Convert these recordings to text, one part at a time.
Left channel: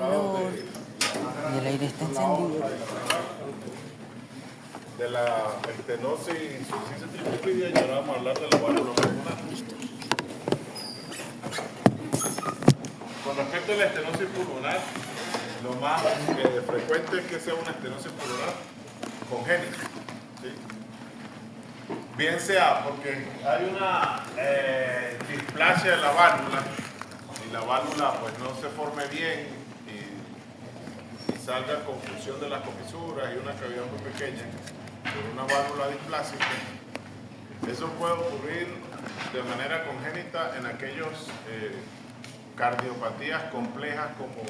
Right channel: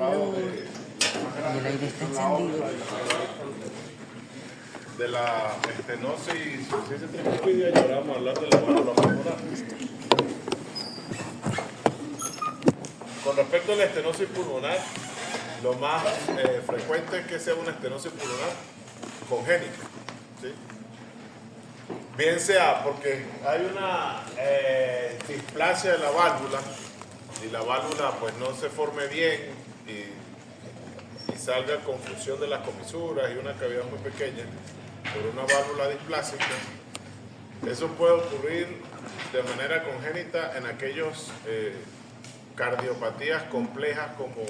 Aló. Y el aire está encendido. De la estenosis y insuficiencia tricuspidia, y ahora vamos a hablar de la válvula pulmonar. Con respecto a la estenosis pulmonar, lo más frecuente es que sea una estenosis pulmonar congénita, ¿sí? Bien sea porque hay una displasia de la válvula y la válvula pues no se forme bien y salga con fusión de las comisuras y una cavidad muy pequeña por una válvula displásica. Eso puede ocurrir de manera congénita en aquellos cardiopatías complejas como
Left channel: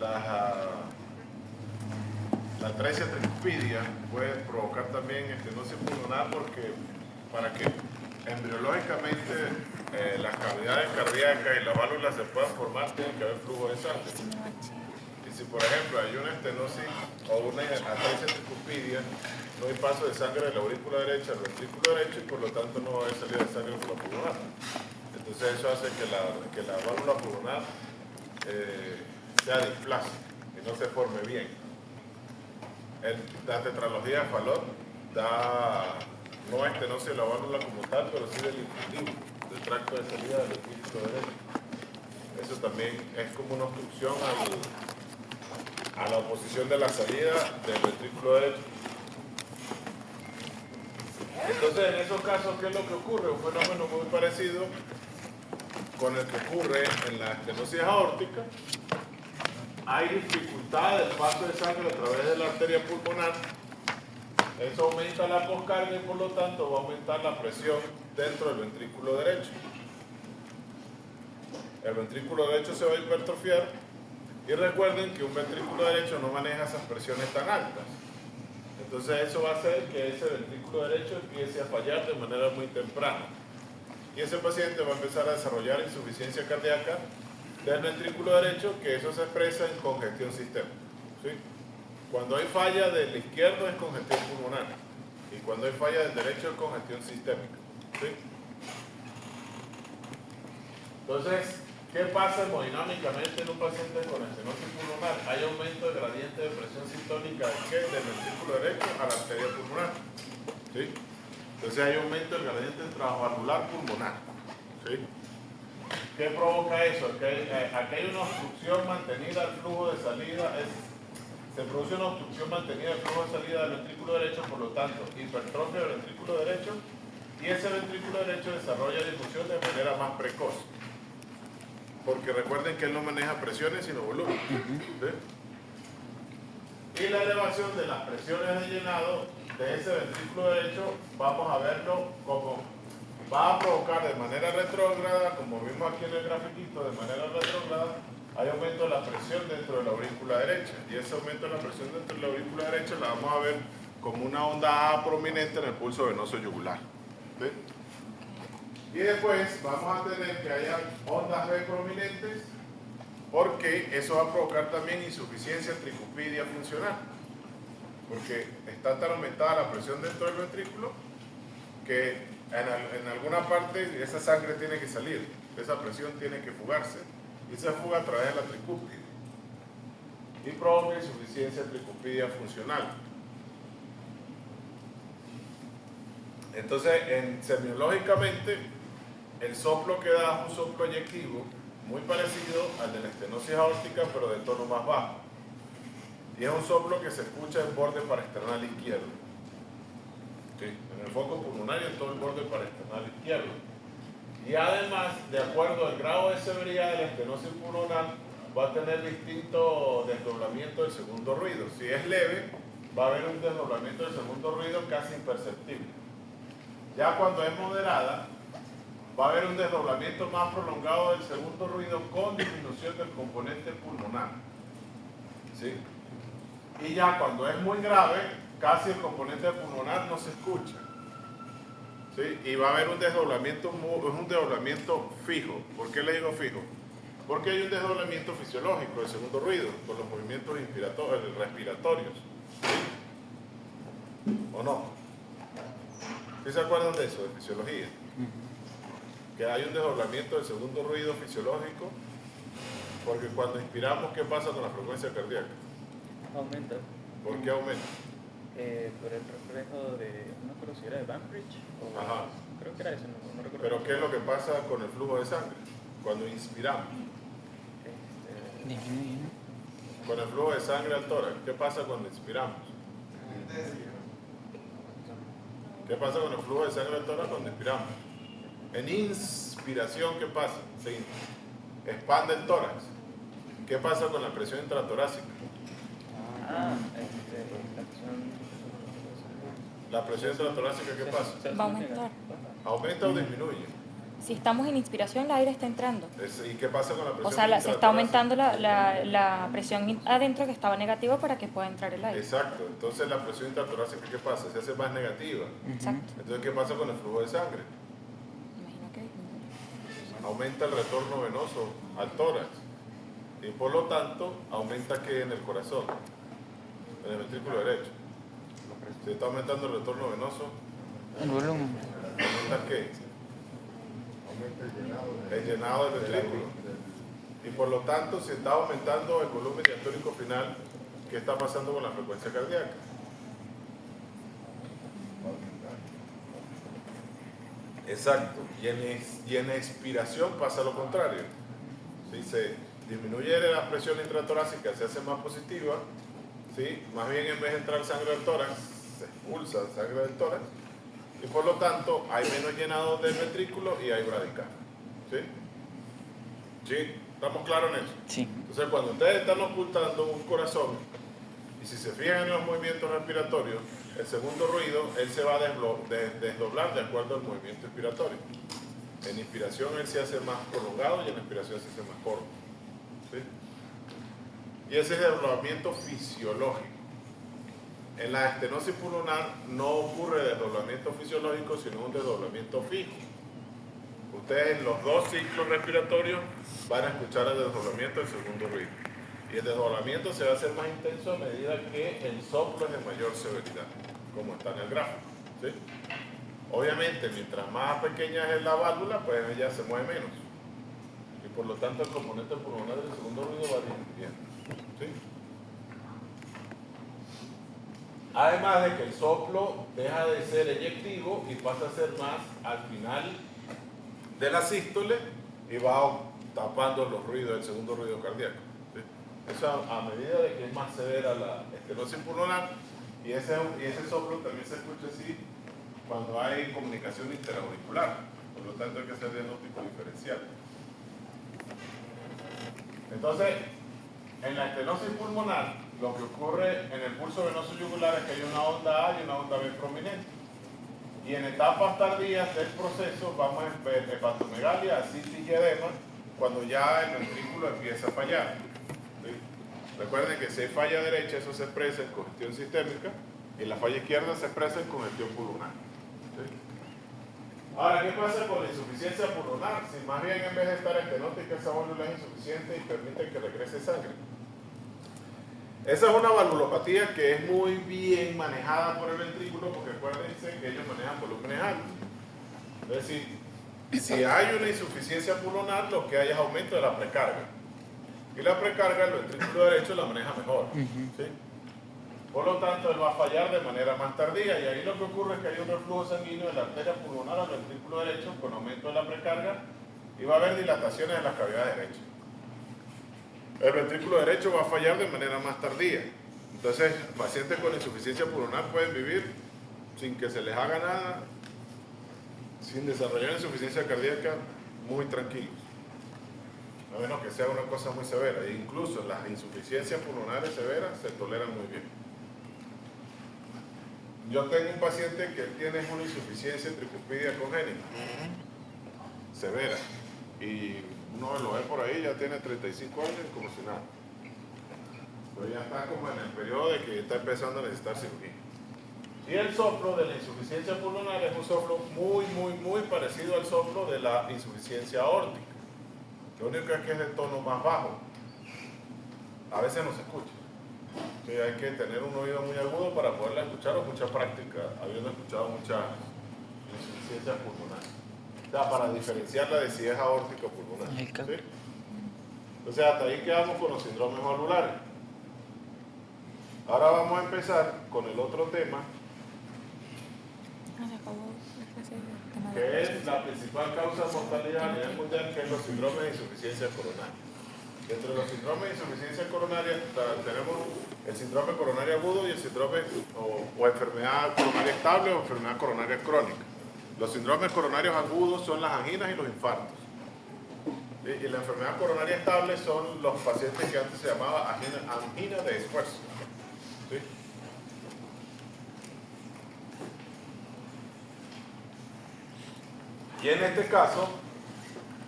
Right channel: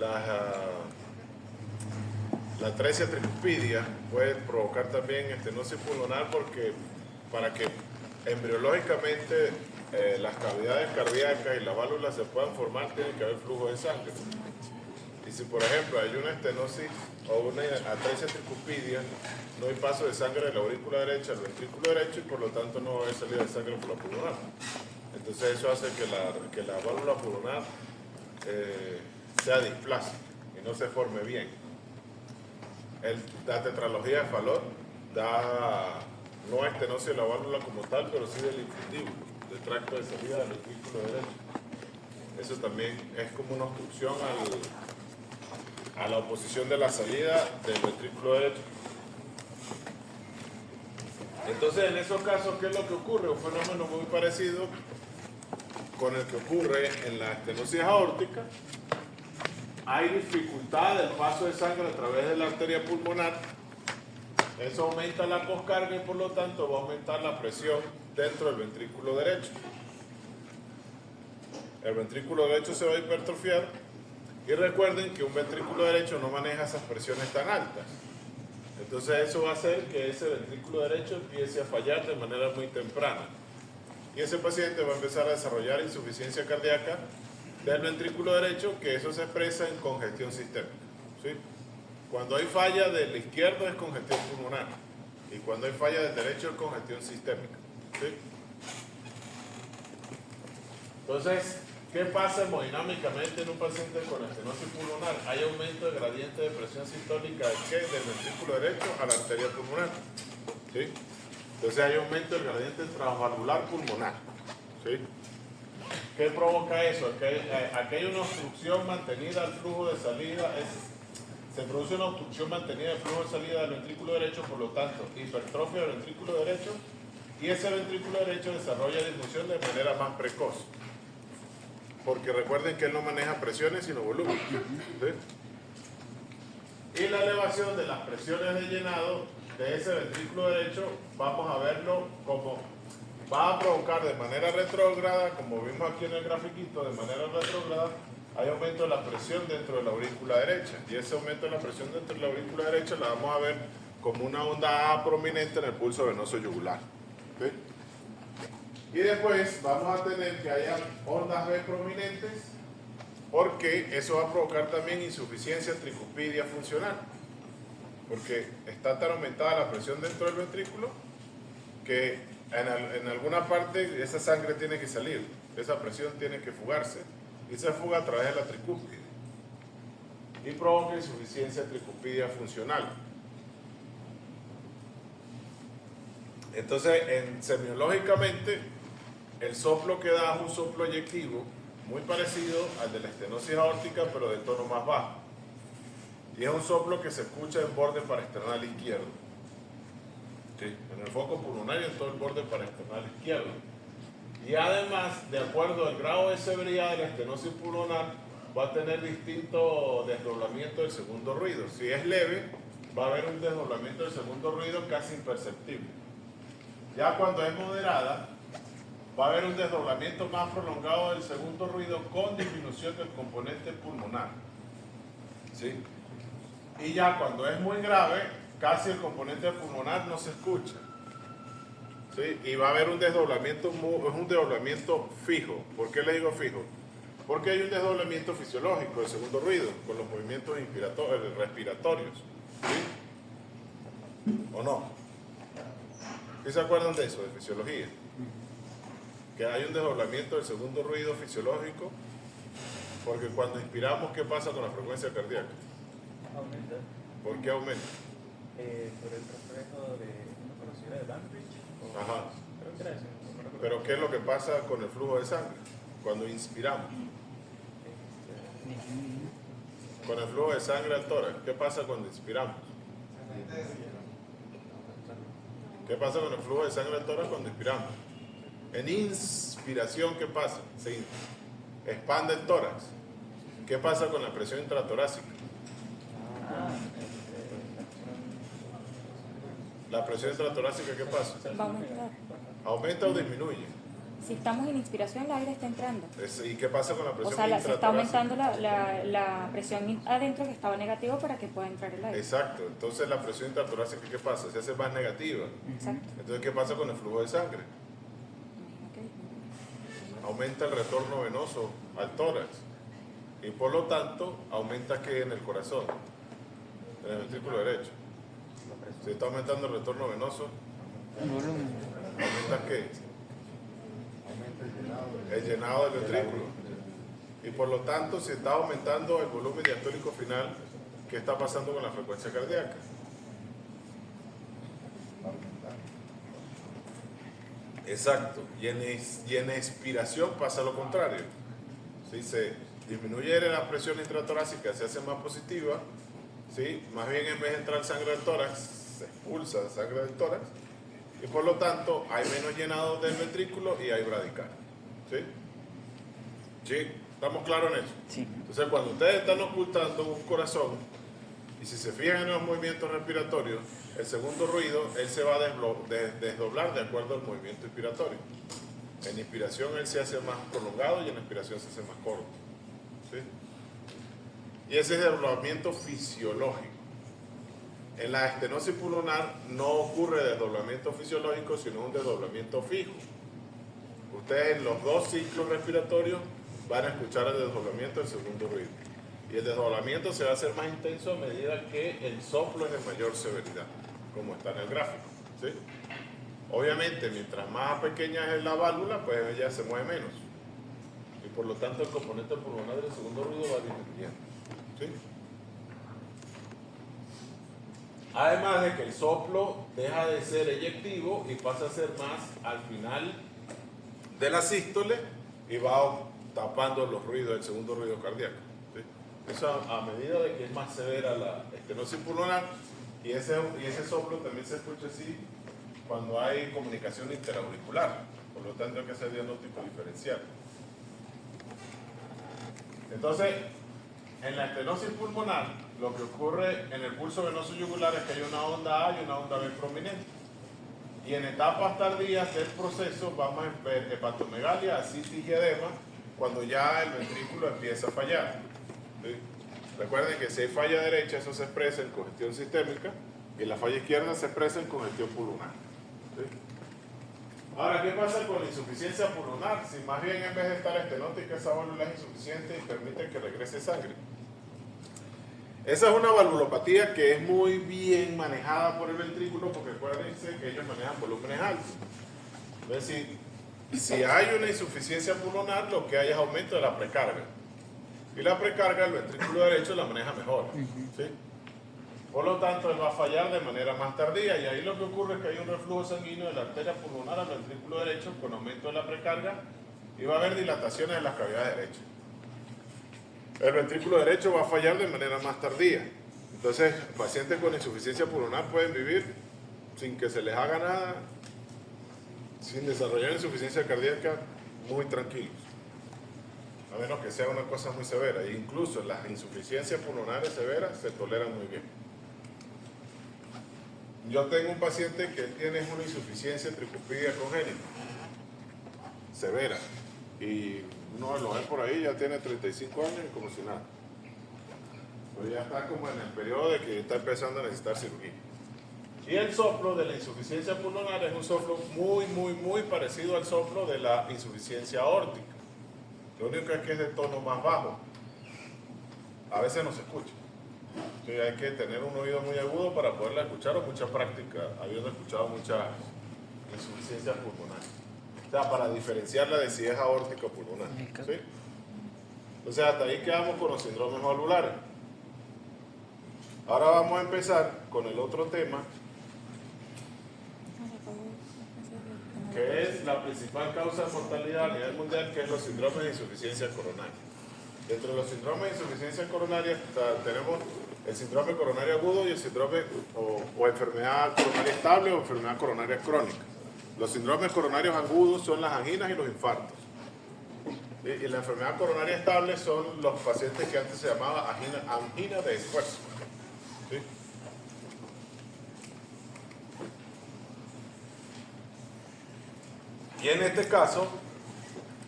la atresia tricuspidia. Puede provocar también estenosis pulmonar porque para que embriológicamente las cavidades cardíacas y las válvulas se puedan formar tiene que haber flujo de sangre. Y si por ejemplo hay una estenosis o una atresia tricuspidia, no hay paso de sangre de la aurícula derecha al ventrículo derecho y por lo tanto no va a haber salida de sangre por la pulmonar. Entonces eso hace que la válvula pulmonar sea displásica y no se forme bien. La tetralogía de Fallot da no estenosis de la válvula como tal, pero sí del infundíbulo, del tracto de salida del ventrículo derecho. Eso también es como una obstrucción a la oposición de la salida del ventrículo derecho. Entonces, en esos casos, ¿qué es lo que ocurre? Un fenómeno muy parecido con el que ocurre en la estenosis aórtica. Hay dificultad del paso de sangre a través de la arteria pulmonar. Eso aumenta la poscarga y por lo tanto va a aumentar la presión dentro del ventrículo derecho. El ventrículo derecho se va a hipertrofiar y recuerden que un ventrículo derecho no maneja esas presiones tan altas. Entonces eso va a hacer que ese ventrículo derecho empiece a fallar de manera muy temprana. Y ese paciente va a empezar a desarrollar insuficiencia cardíaca del ventrículo derecho, que eso se expresa en congestión sistémica, ¿sí? Cuando hay falla del izquierdo es congestión pulmonar y cuando hay falla del derecho es congestión sistémica, ¿sí? Entonces, ¿qué pasa hemodinámicamente en un paciente con estenosis pulmonar? Hay aumento del gradiente de presión sistólica del ventrículo derecho a la arteria pulmonar, ¿sí? Entonces hay aumento del gradiente transvalvular pulmonar, ¿sí? ¿Qué provoca eso? Aquí hay una obstrucción mantenida al flujo de salida, se produce una obstrucción mantenida del flujo de salida del ventrículo derecho, por lo tanto, hipertrofia del ventrículo derecho, y ese ventrículo derecho desarrolla difusión de manera más precoz. Porque recuerden que él no maneja presiones sino volumen, ¿sí? Y la elevación de las presiones de llenado de ese ventrículo derecho, vamos a verlo como va a provocar de manera retrógrada, como vimos aquí en el grafiquito, de manera retrógrada, hay aumento de la presión dentro de la aurícula derecha. Y ese aumento de la presión dentro de la aurícula derecha la vamos a ver como una onda A prominente en el pulso venoso yugular, ¿sí? Y después vamos a tener que haya ondas B prominentes, porque eso va a provocar también insuficiencia tricuspidia funcional, porque está tan aumentada la presión dentro del ventrículo que en alguna parte esa sangre tiene que salir, esa presión tiene que fugarse y se fuga a través de la tricúspide y provoca insuficiencia tricuspidia funcional. Entonces, semiológicamente, el soplo que da es un soplo eyectivo muy parecido al de la estenosis aórtica, pero de tono más bajo. Y es un soplo que se escucha en borde parasternal izquierdo. ¿Sí? En el foco pulmonar y en todo el borde parasternal izquierdo. Y además, de acuerdo al grado de severidad de la estenosis pulmonar, va a tener distinto desdoblamiento del segundo ruido. Si es leve, va a haber un desdoblamiento del segundo ruido casi imperceptible. Ya cuando es moderada, va a haber un desdoblamiento más prolongado del segundo ruido con disminución del componente pulmonar, ¿sí? Y ya cuando es muy grave, casi el componente pulmonar no se escucha, ¿sí? Y va a haber un desdoblamiento fijo. ¿Por qué le digo fijo? Porque hay un desdoblamiento fisiológico del segundo ruido por los movimientos respiratorios, ¿sí? ¿O no? ¿Qué se acuerdan de eso, de fisiología? Que hay un desdoblamiento del segundo ruido fisiológico Porque cuando inspiramos, ¿qué pasa con la frecuencia cardíaca? Aumenta. ¿Por qué aumenta? Por el reflejo de una conocida de Banbridge. Ajá. Creo que era eso, no recuerdo. Pero ¿qué es lo que pasa con el flujo de sangre? Cuando inspiramos. Disminuye, ¿no? Con el flujo de sangre al tórax, ¿qué pasa cuando inspiramos? ¿Qué pasa con el flujo de sangre al tórax cuando inspiramos? En inspiración, ¿qué pasa? Se expande el tórax. ¿Qué pasa con la presión intratorácica? La presión intratorácica, ¿qué pasa? Va a aumentar. ¿Aumenta o disminuye? Si estamos en inspiración, el aire está entrando. ¿Y qué pasa con la presión O sea, se está intratorácica? aumentando la presión adentro que estaba negativa para que pueda entrar el aire. Exacto. Entonces la presión intratorácica, ¿qué pasa? Se hace más negativa. Exacto. Entonces, ¿qué pasa con el flujo de sangre? Imagino que Aumenta el retorno venoso al tórax. Y por lo tanto, aumenta ¿qué en el corazón? En el ventrículo derecho. Si está aumentando el retorno venoso, El volumen. ¿aumenta qué? El llenado del ventrículo. Y por lo tanto, si está aumentando el volumen diastólico final, ¿qué está pasando con la frecuencia cardíaca? Exacto. Y en expiración pasa lo contrario. Si se disminuye la presión intratorácica, se hace más positiva, ¿sí? Más bien en vez de entrar sangre del tórax, se expulsa sangre del tórax. Y por lo tanto, hay menos llenado del ventrículo y hay bradicardia. ¿Sí? ¿Sí? ¿Estamos claros en eso? Sí. Entonces, cuando ustedes están ocultando un corazón, y si se fijan en los movimientos respiratorios, el segundo ruido, él se va a desdoblar de acuerdo al movimiento inspiratorio. En inspiración él se hace más prolongado y en expiración se hace más corto. ¿Sí? Y ese es el desdoblamiento fisiológico. En la estenosis pulmonar no ocurre desdoblamiento fisiológico, sino un desdoblamiento fijo. Ustedes en los dos ciclos respiratorios van a escuchar el desdoblamiento del segundo ruido. Y el desdoblamiento se va a hacer más intenso a medida que el soplo es de mayor severidad, como está en el gráfico. ¿Sí? Obviamente, mientras más pequeña es la válvula, pues ella se mueve menos. Y por lo tanto, el componente pulmonar del segundo ruido va disminuyendo. ¿Sí? Además de que el soplo deja de ser eyectivo y pasa a ser más al final de la sístole y va tapando los ruidos, el segundo ruido cardíaco. ¿Sí? Eso a medida de que es más severa la estenosis pulmonar, y ese soplo también se escucha así cuando hay comunicación interauricular, por lo tanto hay que hacer diagnóstico diferencial. Entonces, en la estenosis pulmonar, lo que ocurre en el pulso venoso yugular es que hay una onda A y una onda B prominente. Y en etapas tardías del proceso vamos a ver hepatomegalia, ascitis y edema, cuando ya el ventrículo empieza a fallar. ¿Sí? Recuerden que si hay falla derecha, eso se expresa en congestión sistémica, y la falla izquierda se expresa en congestión pulmonar. ¿Sí? Ahora, ¿qué pasa con la insuficiencia pulmonar? Si más bien en vez de estar estenótica, esa válvula es insuficiente y permite que regrese sangre. Esa es una valvulopatía que es muy bien manejada por el ventrículo, porque acuérdense que ellos manejan volúmenes altos. Es decir, si hay una insuficiencia pulmonar, lo que hay es aumento de la precarga. Y la precarga, el ventrículo derecho la maneja mejor. ¿Sí? Por lo tanto, él va a fallar de manera más tardía, y ahí lo que ocurre es que hay un reflujo sanguíneo de la arteria pulmonar al ventrículo derecho con aumento de la precarga, y va a haber dilataciones en las cavidades derechas. El ventrículo derecho va a fallar de manera más tardía. Entonces, pacientes con insuficiencia pulmonar pueden vivir sin que se les haga nada, sin desarrollar insuficiencia cardíaca, muy tranquilos. A menos que sea una cosa muy severa. E incluso las insuficiencias pulmonares severas se toleran muy bien. Yo tengo un paciente que tiene una insuficiencia tricuspidia congénita, severa. Y uno lo ve por ahí, ya tiene 35 años y como si nada. Pero ya está como en el periodo de que está empezando a necesitar cirugía. Y el soplo de la insuficiencia pulmonar es un soplo muy parecido al soplo de la insuficiencia aórtica. Lo único es que es de tono más bajo. A veces no se escucha. Entonces hay que tener un oído muy agudo para poderla escuchar, o mucha práctica, habiendo escuchado mucha insuficiencia pulmonar. O sea, para diferenciarla de si es aórtica o pulmonar. ¿Sí? O sea, hasta ahí quedamos con los síndromes valvulares. Ahora vamos a empezar con el otro tema, que es la principal causa de mortalidad a nivel mundial, que es los síndromes de insuficiencia coronaria. Dentro de los síndromes de insuficiencia coronaria tenemos el síndrome coronario agudo y el síndrome o enfermedad coronaria estable o enfermedad coronaria crónica. Los síndromes coronarios agudos son las anginas y los infartos. Y la enfermedad coronaria estable son los pacientes que antes se llamaba angina de esfuerzo. ¿Sí? Y en este caso,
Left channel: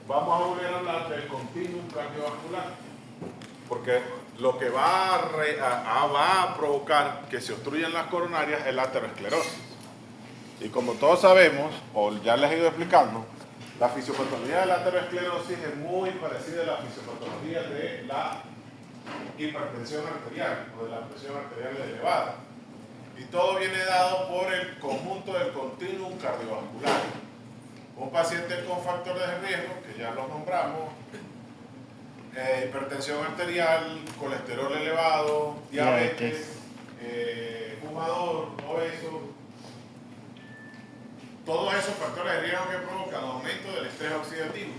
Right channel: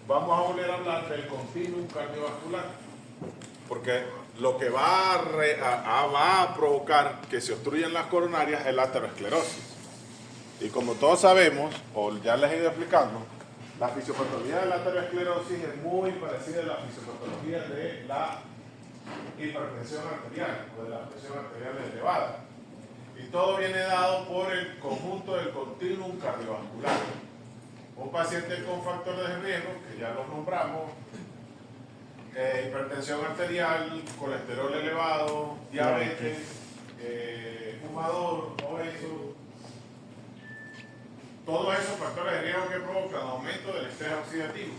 vamos a volver a hablar del continuum cardiovascular, porque lo que va a provocar que se obstruyan las coronarias es la aterosclerosis. Y como todos sabemos, o ya les he ido explicando, la fisiopatología de la aterosclerosis es muy parecida a la fisiopatología de la hipertensión arterial o de la presión arterial elevada. Y todo viene dado por el conjunto del continuum cardiovascular. Un paciente con factores de riesgo, que ya los nombramos, hipertensión arterial, colesterol elevado, diabetes, fumador, obeso, todos esos factores de riesgo que provocan aumento del estrés oxidativo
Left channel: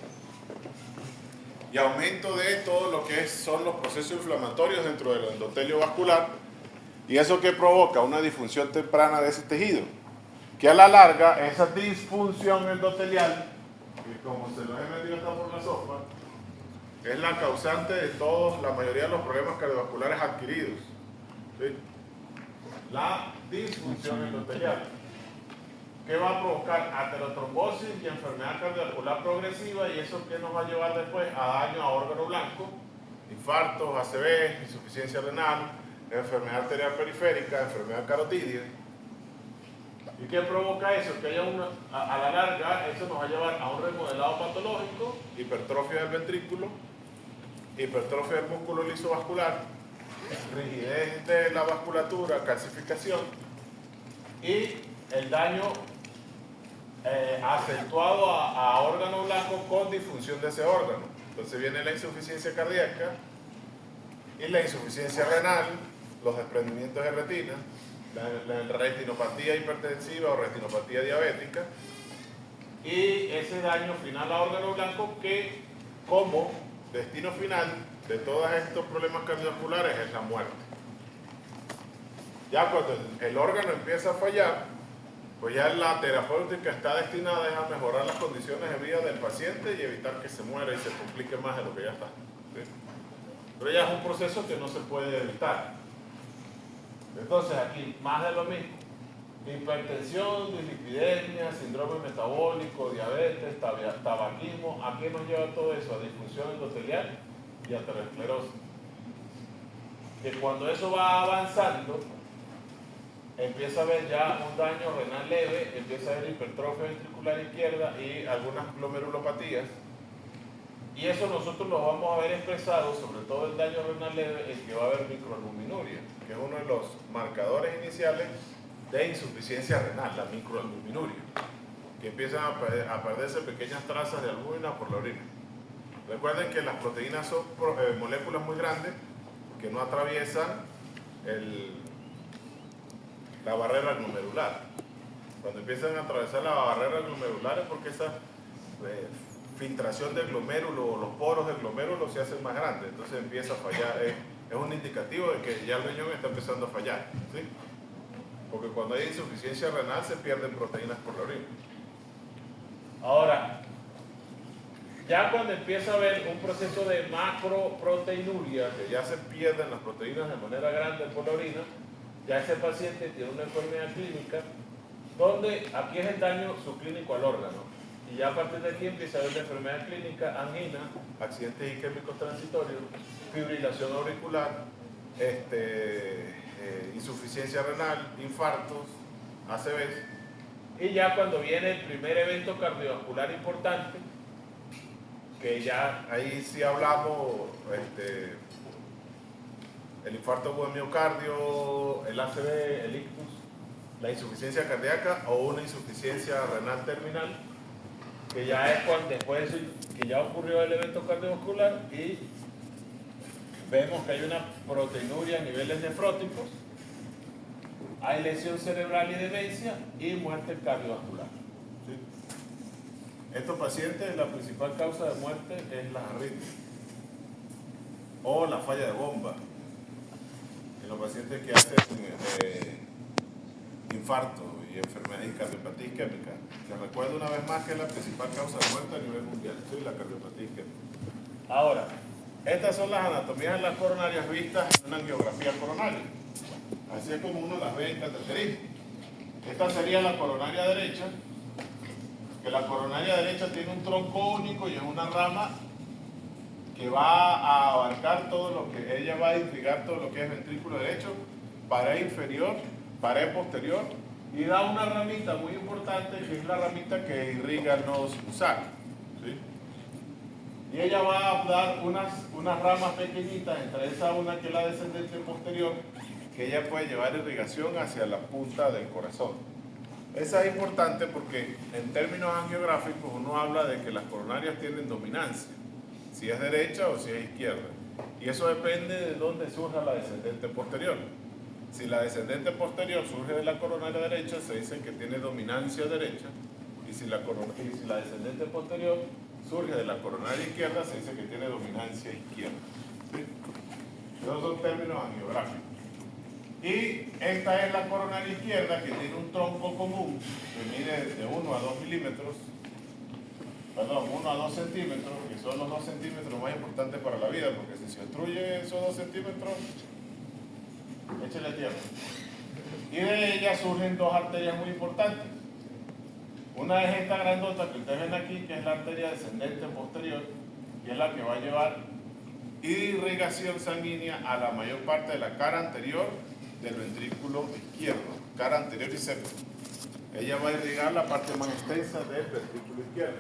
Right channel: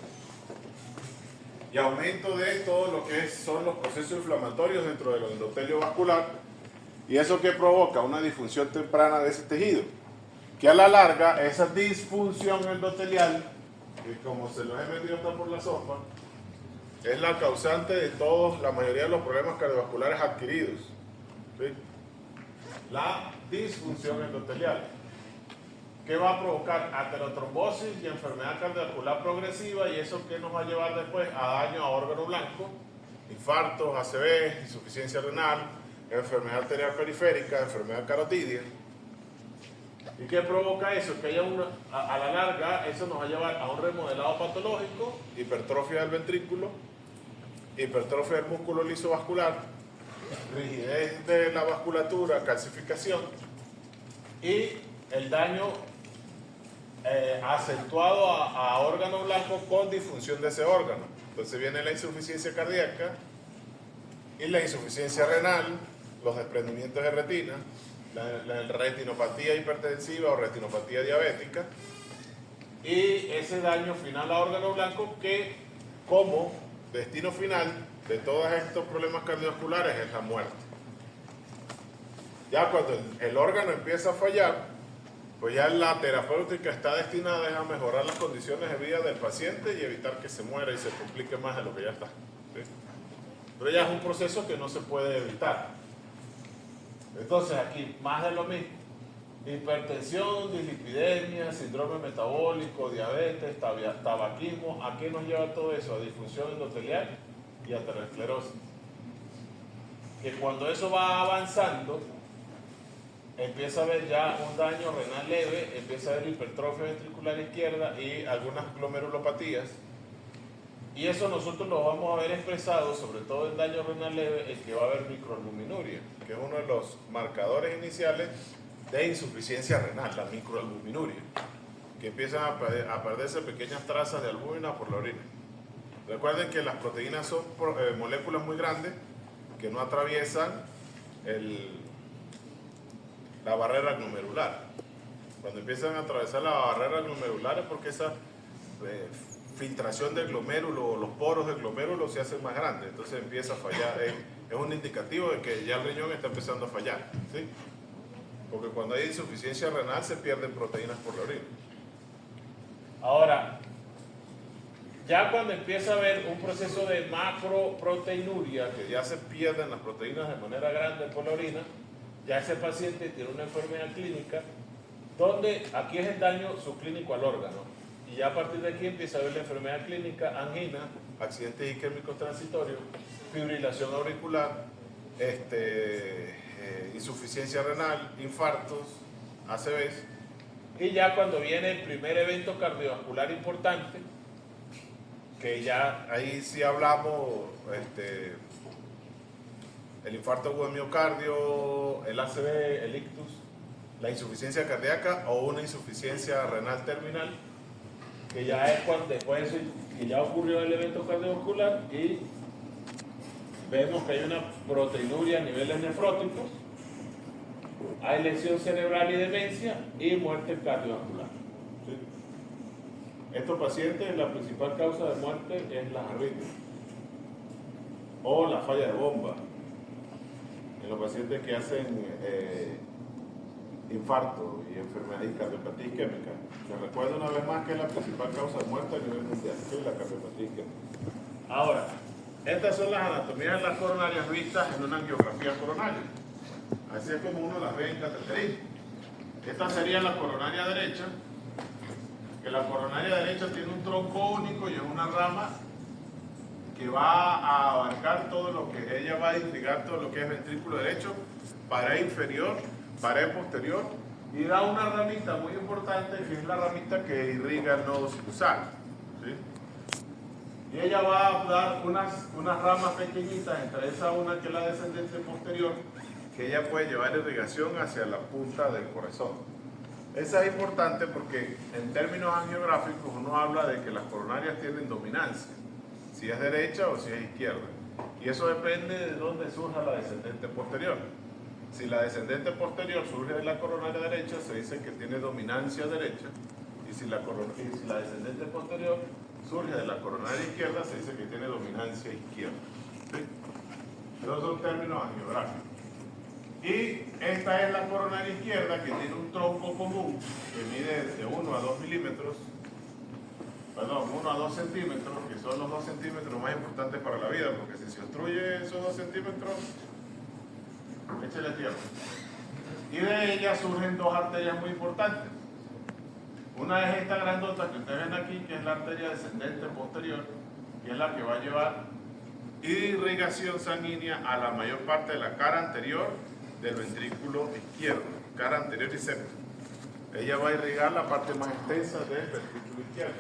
y aumento de todo lo que son los procesos inflamatorios dentro del endotelio vascular, y eso que provoca una disfunción temprana de ese tejido, que a la larga esa disfunción endotelial, y como se lo he metido hasta por la sopa, es la causante de la mayoría de los problemas cardiovasculares adquiridos. ¿Sí? La disfunción endotelial, que va a provocar aterotrombosis y enfermedad cardiovascular progresiva, y eso que nos va a llevar después a daño a órgano blanco, infartos, ACV, insuficiencia renal, enfermedad arterial periférica, enfermedad carotidia. ¿Y qué provoca eso? Que haya a la larga eso nos va a llevar a un remodelado patológico, hipertrofia del ventrículo, hipertrofia del músculo liso vascular, rigidez de la vasculatura, calcificación y el daño acentuado a órgano blanco con disfunción de ese órgano. Entonces viene la insuficiencia cardíaca y la insuficiencia renal, los desprendimientos de retina, la retinopatía hipertensiva o retinopatía diabética, y ese daño final a órgano blanco, que como destino final de todos estos problemas cardiovasculares es la muerte. Ya cuando el órgano empieza a fallar, pues ya la terapéutica está destinada a mejorar las condiciones de vida del paciente y evitar que se muera y se complique más de lo que ya está. ¿Sí? Pero ya es un proceso que no se puede evitar. Entonces aquí, más de lo mismo. Hipertensión, dislipidemia, síndrome metabólico, diabetes, tabaquismo. ¿A qué nos lleva todo eso? A disfunción endotelial y aterosclerosis. Que cuando eso va avanzando, empieza a haber ya un daño renal leve, empieza a haber hipertrofia ventricular izquierda y algunas glomerulopatías. Y eso nosotros lo vamos a ver expresado, sobre todo el daño renal leve, el que va a haber microalbuminuria, que es uno de los marcadores iniciales de insuficiencia renal, la microalbuminuria, que empiezan a perderse pequeñas trazas de albúmina por la orina. Recuerden que las proteínas son moléculas muy grandes que no atraviesan la barrera glomerular. Cuando empiezan a atravesar la barrera glomerular es porque esa filtración del glomérulo o los poros del glomérulo se hacen más grandes, entonces empieza a fallar. Es un indicativo de que ya el riñón está empezando a fallar, ¿sí? Porque cuando hay insuficiencia renal se pierden proteínas por la orina. Ahora, ya cuando empieza a haber un proceso de macroproteinuria, que ya se pierden las proteínas de manera grande por la orina, ya ese paciente tiene una enfermedad clínica donde aquí es el daño subclínico al órgano. Y ya a partir de aquí empieza a haber la enfermedad clínica, angina, accidentes isquémicos transitorios, fibrilación auricular, insuficiencia renal, infartos, ACVs. Y ya cuando viene el primer evento cardiovascular importante, que ya ahí sí hablamos, el infarto agudo del miocardio, el ACV, el ictus, la insuficiencia cardíaca o una insuficiencia renal terminal, que ya es cuando después de eso, que ya ocurrió el evento cardiovascular y vemos que hay una proteinuria a niveles nefróticos, hay lesión cerebral y demencia y muerte cardiovascular. ¿Sí? Estos pacientes, la principal causa de muerte es las arritmias o la falla de bomba. En los pacientes que hacen infarto y enfermedad y cardiopatía isquémica. Les recuerdo una vez más que es la principal causa de muerte a nivel mundial, sí, la cardiopatía isquémica. Ahora, estas son las anatomías de las coronarias vistas en una angiografía coronaria. Así es como uno las ve en cateterismo. Esta sería la coronaria derecha, que la coronaria derecha tiene un tronco único y es una rama que va a abarcar todo lo que, ella va a irrigar todo lo que es ventrículo derecho, pared inferior, pared posterior, y da una ramita muy importante que es la ramita que irriga el nodo sinusal. ¿Sí? Y ella va a dar unas ramas pequeñitas, entre esa una que es la descendente posterior, que ella puede llevar irrigación hacia la punta del corazón. Esa es importante porque en términos angiográficos uno habla de que las coronarias tienen dominancia, si es derecha o si es izquierda. Y eso depende de dónde surja la descendente posterior. Si la descendente posterior surge de la coronaria derecha, se dice que tiene dominancia derecha. Y si la descendente posterior surge de la coronaria izquierda, se dice que tiene dominancia izquierda. ¿Sí? Esos son términos angiográficos. Y esta es la coronaria izquierda, que tiene un tronco común que mide de 1 a 2 milímetros, perdón, 1 a 2 centímetros, que son los 2 centímetros más importantes para la vida, porque si se obstruye esos 2 centímetros, échale tierra. Y de ella surgen dos arterias muy importantes. Una es esta grandota que ustedes ven aquí, que es la arteria descendente posterior, que es la que va a llevar irrigación sanguínea a la mayor parte de la cara anterior del ventrículo izquierdo, cara anterior y septo. Ella va a irrigar la parte más extensa del ventrículo izquierdo.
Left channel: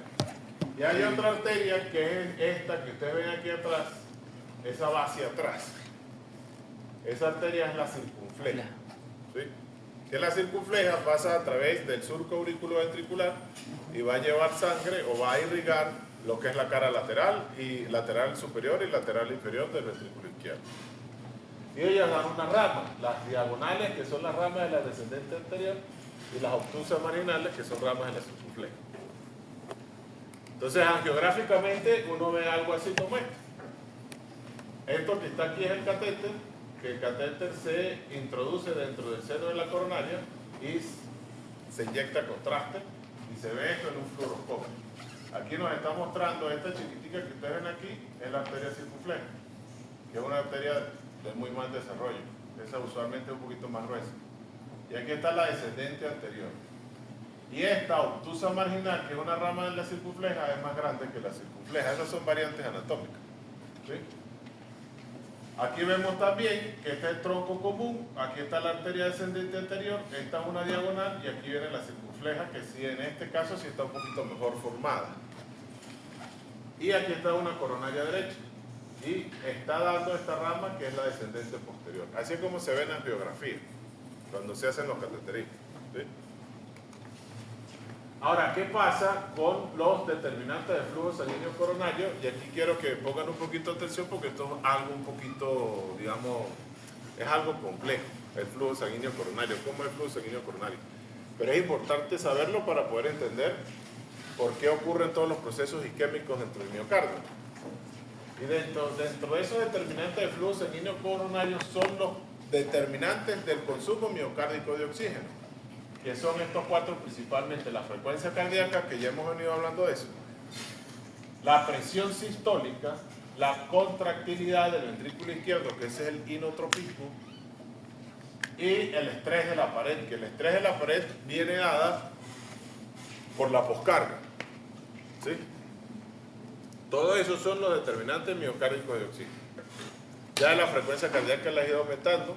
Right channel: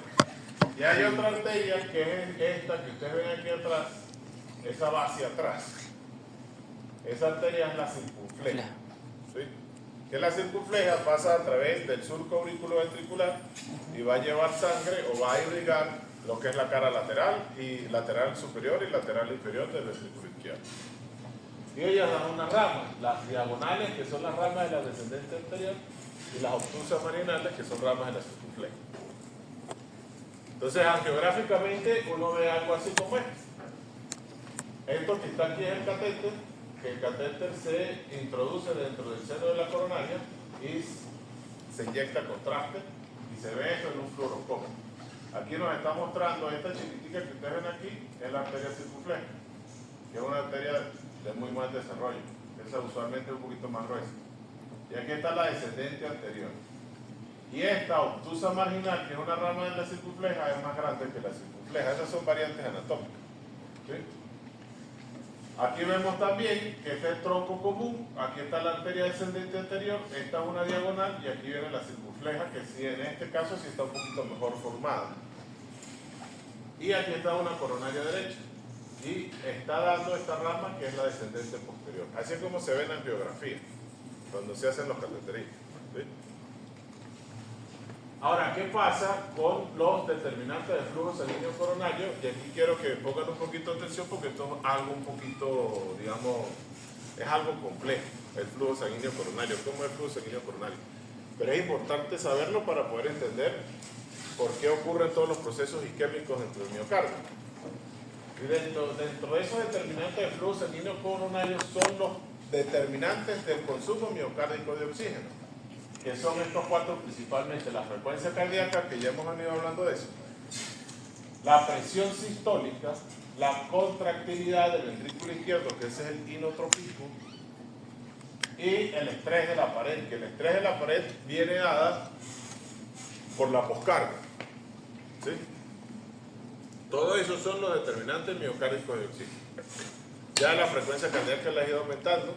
Y hay otra arteria que es esta que ustedes ven aquí atrás, esa va hacia atrás. Esa arteria es la circunfleja. ¿Sí? Que la circunfleja pasa a través del surco auriculoventricular y va a llevar sangre o va a irrigar lo que es la cara lateral y lateral superior y lateral inferior del ventrículo izquierdo. Y ellas dan una rama, las diagonales que son las ramas de la descendente anterior y las obtusas marginales que son ramas de la circunfleja. Entonces, angiográficamente uno ve algo así como esto. Esto que está aquí es el catéter, que el catéter se introduce dentro del seno de la coronaria y se inyecta contraste y se ve esto en un fluoroscopio. Aquí nos está mostrando esta chiquitica que ustedes ven aquí, es la arteria circunfleja, que es una arteria de muy mal desarrollo. Esa usualmente es un poquito más gruesa. Y aquí está la descendente anterior. Y esta obtusa marginal, que es una rama de la circunfleja, es más grande que la circunfleja. Esas son variantes anatómicas. ¿Sí? Aquí vemos también que este es el tronco común, aquí está la arteria descendente anterior, esta es una diagonal y aquí viene la circunfleja, que sí, en este caso sí está un poquito mejor formada. Y aquí está una coronaria derecha y está dando esta rama que es la descendente posterior. Así es como se ve en la angiografía, cuando se hacen los cateterismos. ¿Sí? Ahora, ¿qué pasa con los determinantes de flujo sanguíneo coronario? Y aquí quiero que pongan un poquito de atención porque esto es algo un poquito, digamos, es algo complejo, el flujo sanguíneo coronario. ¿Cómo es el flujo sanguíneo coronario? Pero es importante saberlo para poder entender por qué ocurren todos los procesos isquémicos dentro del miocardio. Y dentro de esos determinantes de flujo sanguíneo coronario son los determinantes del consumo miocárdico de oxígeno, que son estos cuatro principalmente: la frecuencia cardíaca, que ya hemos venido hablando de eso, la presión sistólica, la contractilidad del ventrículo izquierdo, que ese es el inotropismo, y el estrés de la pared, que el estrés de la pared viene dada por la poscarga. ¿Sí? Todo eso son los determinantes miocárdicos de oxígeno. Ya la frecuencia cardíaca la ha ido aumentando,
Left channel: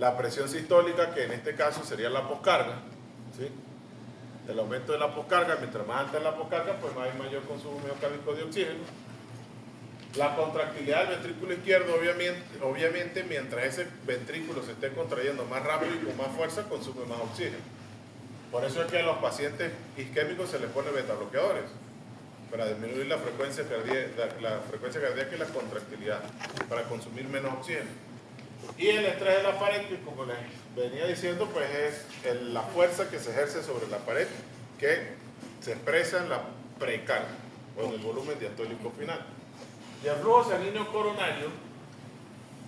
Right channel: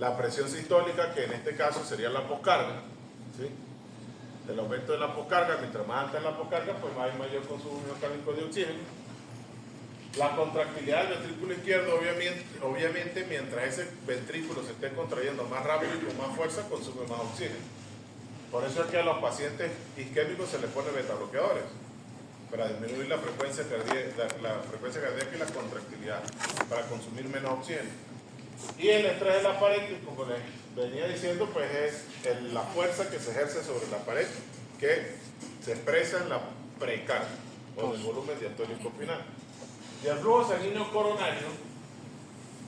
la presión sistólica, que en este caso sería la poscarga. ¿Sí? El aumento de la poscarga, mientras más alta es la poscarga, pues hay mayor consumo miocárdico de oxígeno. La contractilidad del ventrículo izquierdo, obviamente, mientras ese ventrículo se esté contrayendo más rápido y con más fuerza, consume más oxígeno. Por eso es que a los pacientes isquémicos se les pone beta bloqueadores, para disminuir la frecuencia cardíaca y la contractilidad, para consumir menos oxígeno. Y el estrés de la pared, que como les venía diciendo, pues es la fuerza que se ejerce sobre la pared, que se expresa en la precardia, o en el volumen diastólico final. Y el flujo sanguíneo coronario,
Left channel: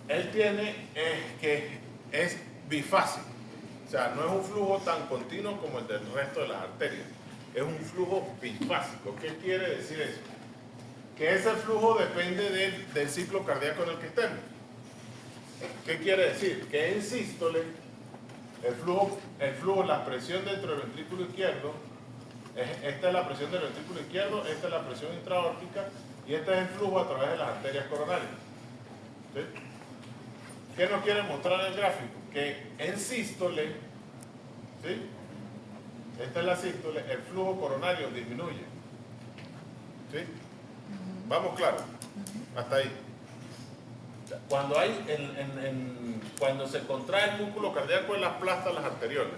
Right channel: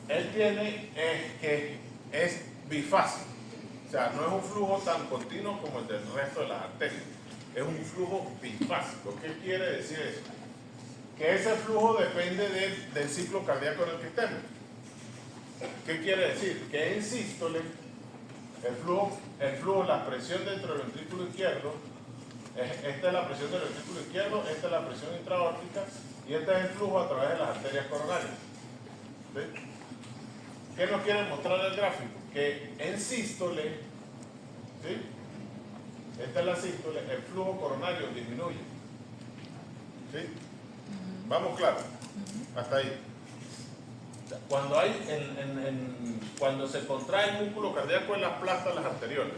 él tiene que es bifásico, o sea, no es un flujo tan continuo como el del resto de las arterias, es un flujo bifásico. ¿Qué quiere decir eso? Que ese flujo depende del ciclo cardíaco en el que estemos. ¿Qué quiere decir? Que en sístole, el flujo, la presión dentro del ventrículo izquierdo, esta es la presión del ventrículo izquierdo, esta es la presión intraórtica y este es el flujo a través de las arterias coronarias. ¿Sí? ¿Qué nos quiere mostrar el gráfico? Que en sístole, ¿sí? Esta es la sístole, el flujo coronario disminuye. ¿Sí? Vamos claro, hasta ahí. Cuando se contrae el músculo cardíaco en las plastas, las arteriolas,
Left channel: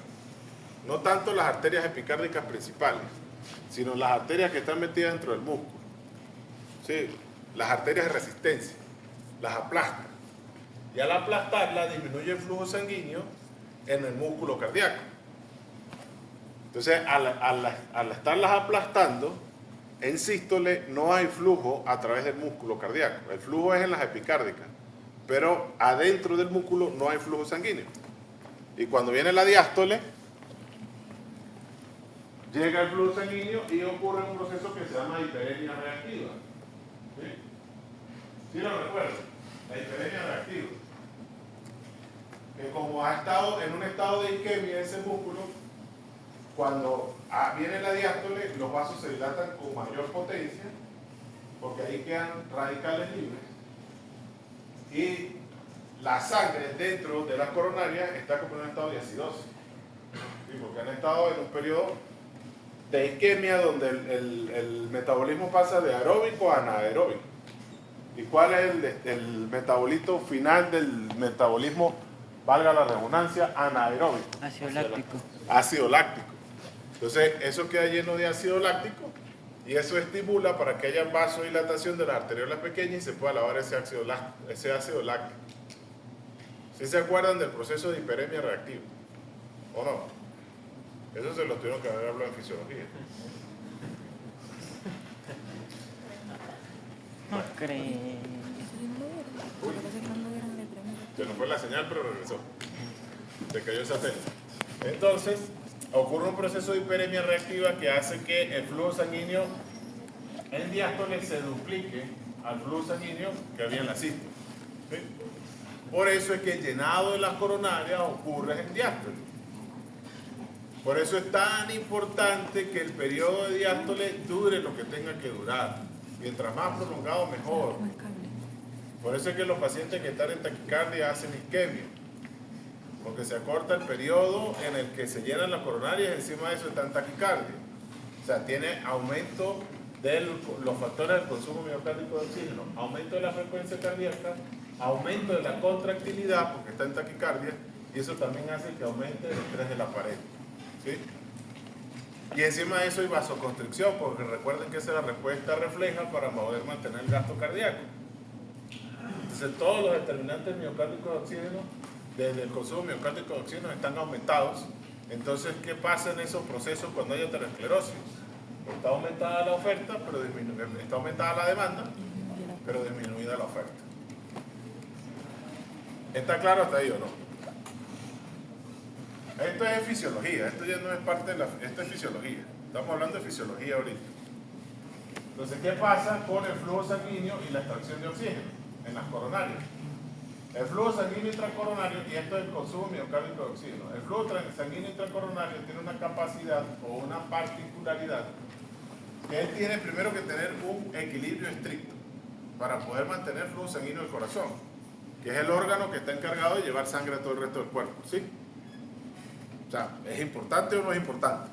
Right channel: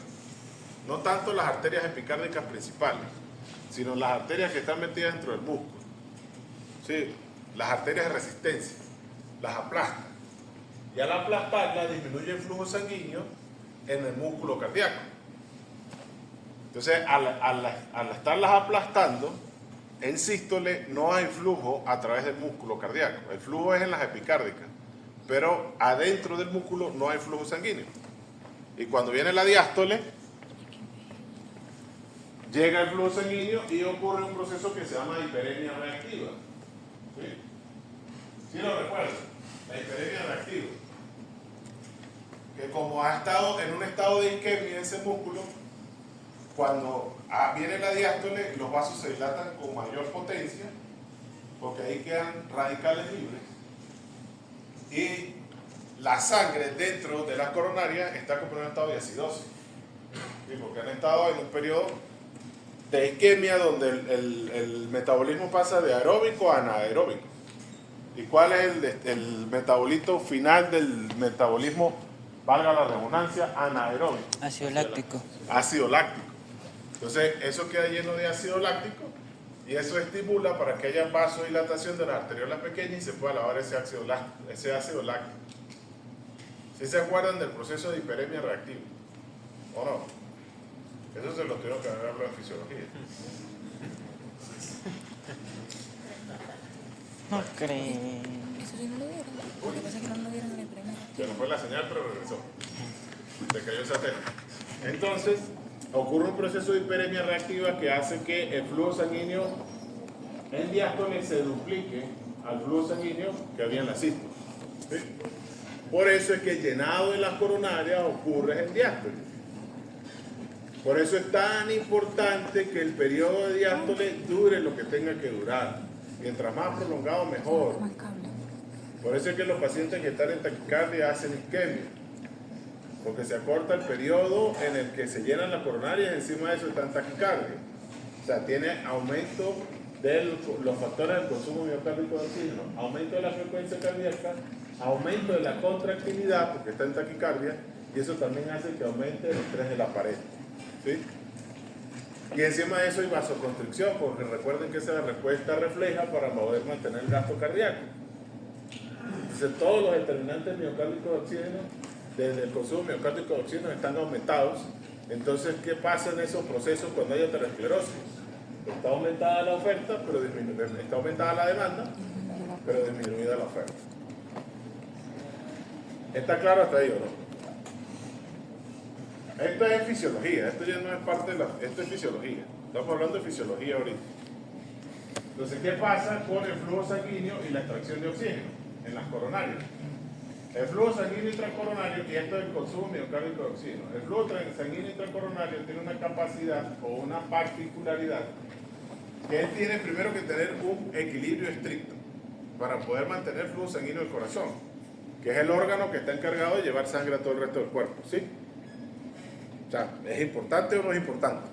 no tanto las arterias epicárdicas principales, sino las arterias que están metidas dentro del músculo. ¿Sí? Las arterias de resistencia, las aplastan. Y al aplastarlas disminuye el flujo sanguíneo en el músculo cardíaco. Entonces, al estarlas aplastando, en sístole no hay flujo a través del músculo cardíaco. El flujo es en las epicárdicas, pero adentro del músculo no hay flujo sanguíneo. Y cuando viene la diástole, llega el flujo sanguíneo y ocurre un proceso que se llama hiperemia reactiva. ¿Sí? ¿Sí lo recuerdo? La hiperemia reactiva. Que como ha estado en un estado de isquemia ese músculo, cuando viene la diástole, los vasos se dilatan con mayor potencia, porque ahí quedan radicales libres. Y la sangre dentro de la coronaria está como en un estado de acidosis. ¿Sí? Porque han estado en un periodo de isquemia donde el metabolismo pasa de aeróbico a anaeróbico. ¿Y cuál es el metabolito final del metabolismo, valga la redundancia, anaeróbico? Ácido láctico. Ácido láctico. Entonces, eso queda lleno de ácido láctico y eso estimula para que haya vasodilatación de las arteriolas pequeñas y se pueda lavar ese ácido láctico. ¿Sí se acuerdan del proceso de hiperemia reactiva? ¿O no? Eso se lo tuvieron que haber hablado de fisiología. No creo. Eso sí no lo vieron. Lo que pasa es que no lo vieron en el primer. Se nos fue la señal, pero regresó. Se cayó el satélite. Entonces, ocurre un proceso de hiperemia reactiva que hace que el flujo sanguíneo en diástole se duplique al flujo sanguíneo que había en la sístole. ¿Sí? Por eso es que el llenado de las coronarias ocurre en diástole. Por eso es tan importante que el periodo de diástole dure lo que tenga que durar. Mientras más prolongado, mejor. Por eso es que los pacientes que están en taquicardia hacen isquemia. Porque se acorta el periodo en el que se llenan las coronarias y encima de eso está en taquicardia. O sea, tiene aumento de los factores del consumo miocárdico de oxígeno, aumento de la frecuencia cardíaca, aumento de la contractilidad porque está en taquicardia y eso también hace que aumente el estrés de la pared. ¿Sí? Y encima de eso hay vasoconstricción, porque recuerden que esa es la respuesta refleja para poder mantener el gasto cardíaco. Entonces todos los determinantes miocárdicos de oxígeno, desde el consumo miocárdico de oxígeno, están aumentados. Entonces, ¿qué pasa en esos procesos cuando hay aterosclerosis? Está aumentada la oferta, pero está aumentada la demanda, pero disminuida la oferta. ¿Está claro hasta ahí o no? Esta es fisiología, esto ya no es parte de esto es fisiología. Estamos hablando de fisiología ahorita. Entonces, ¿qué pasa con el flujo sanguíneo y la extracción de oxígeno en las coronarias? El flujo sanguíneo intracoronario, y esto es el consumo miocárdico de oxígeno, el flujo sanguíneo intracoronario tiene una capacidad o una particularidad que él tiene primero que tener un equilibrio estricto para poder mantener el flujo sanguíneo del corazón, que es el órgano que está encargado de llevar sangre a todo el resto del cuerpo, ¿sí? O sea, ¿es importante o no es importante?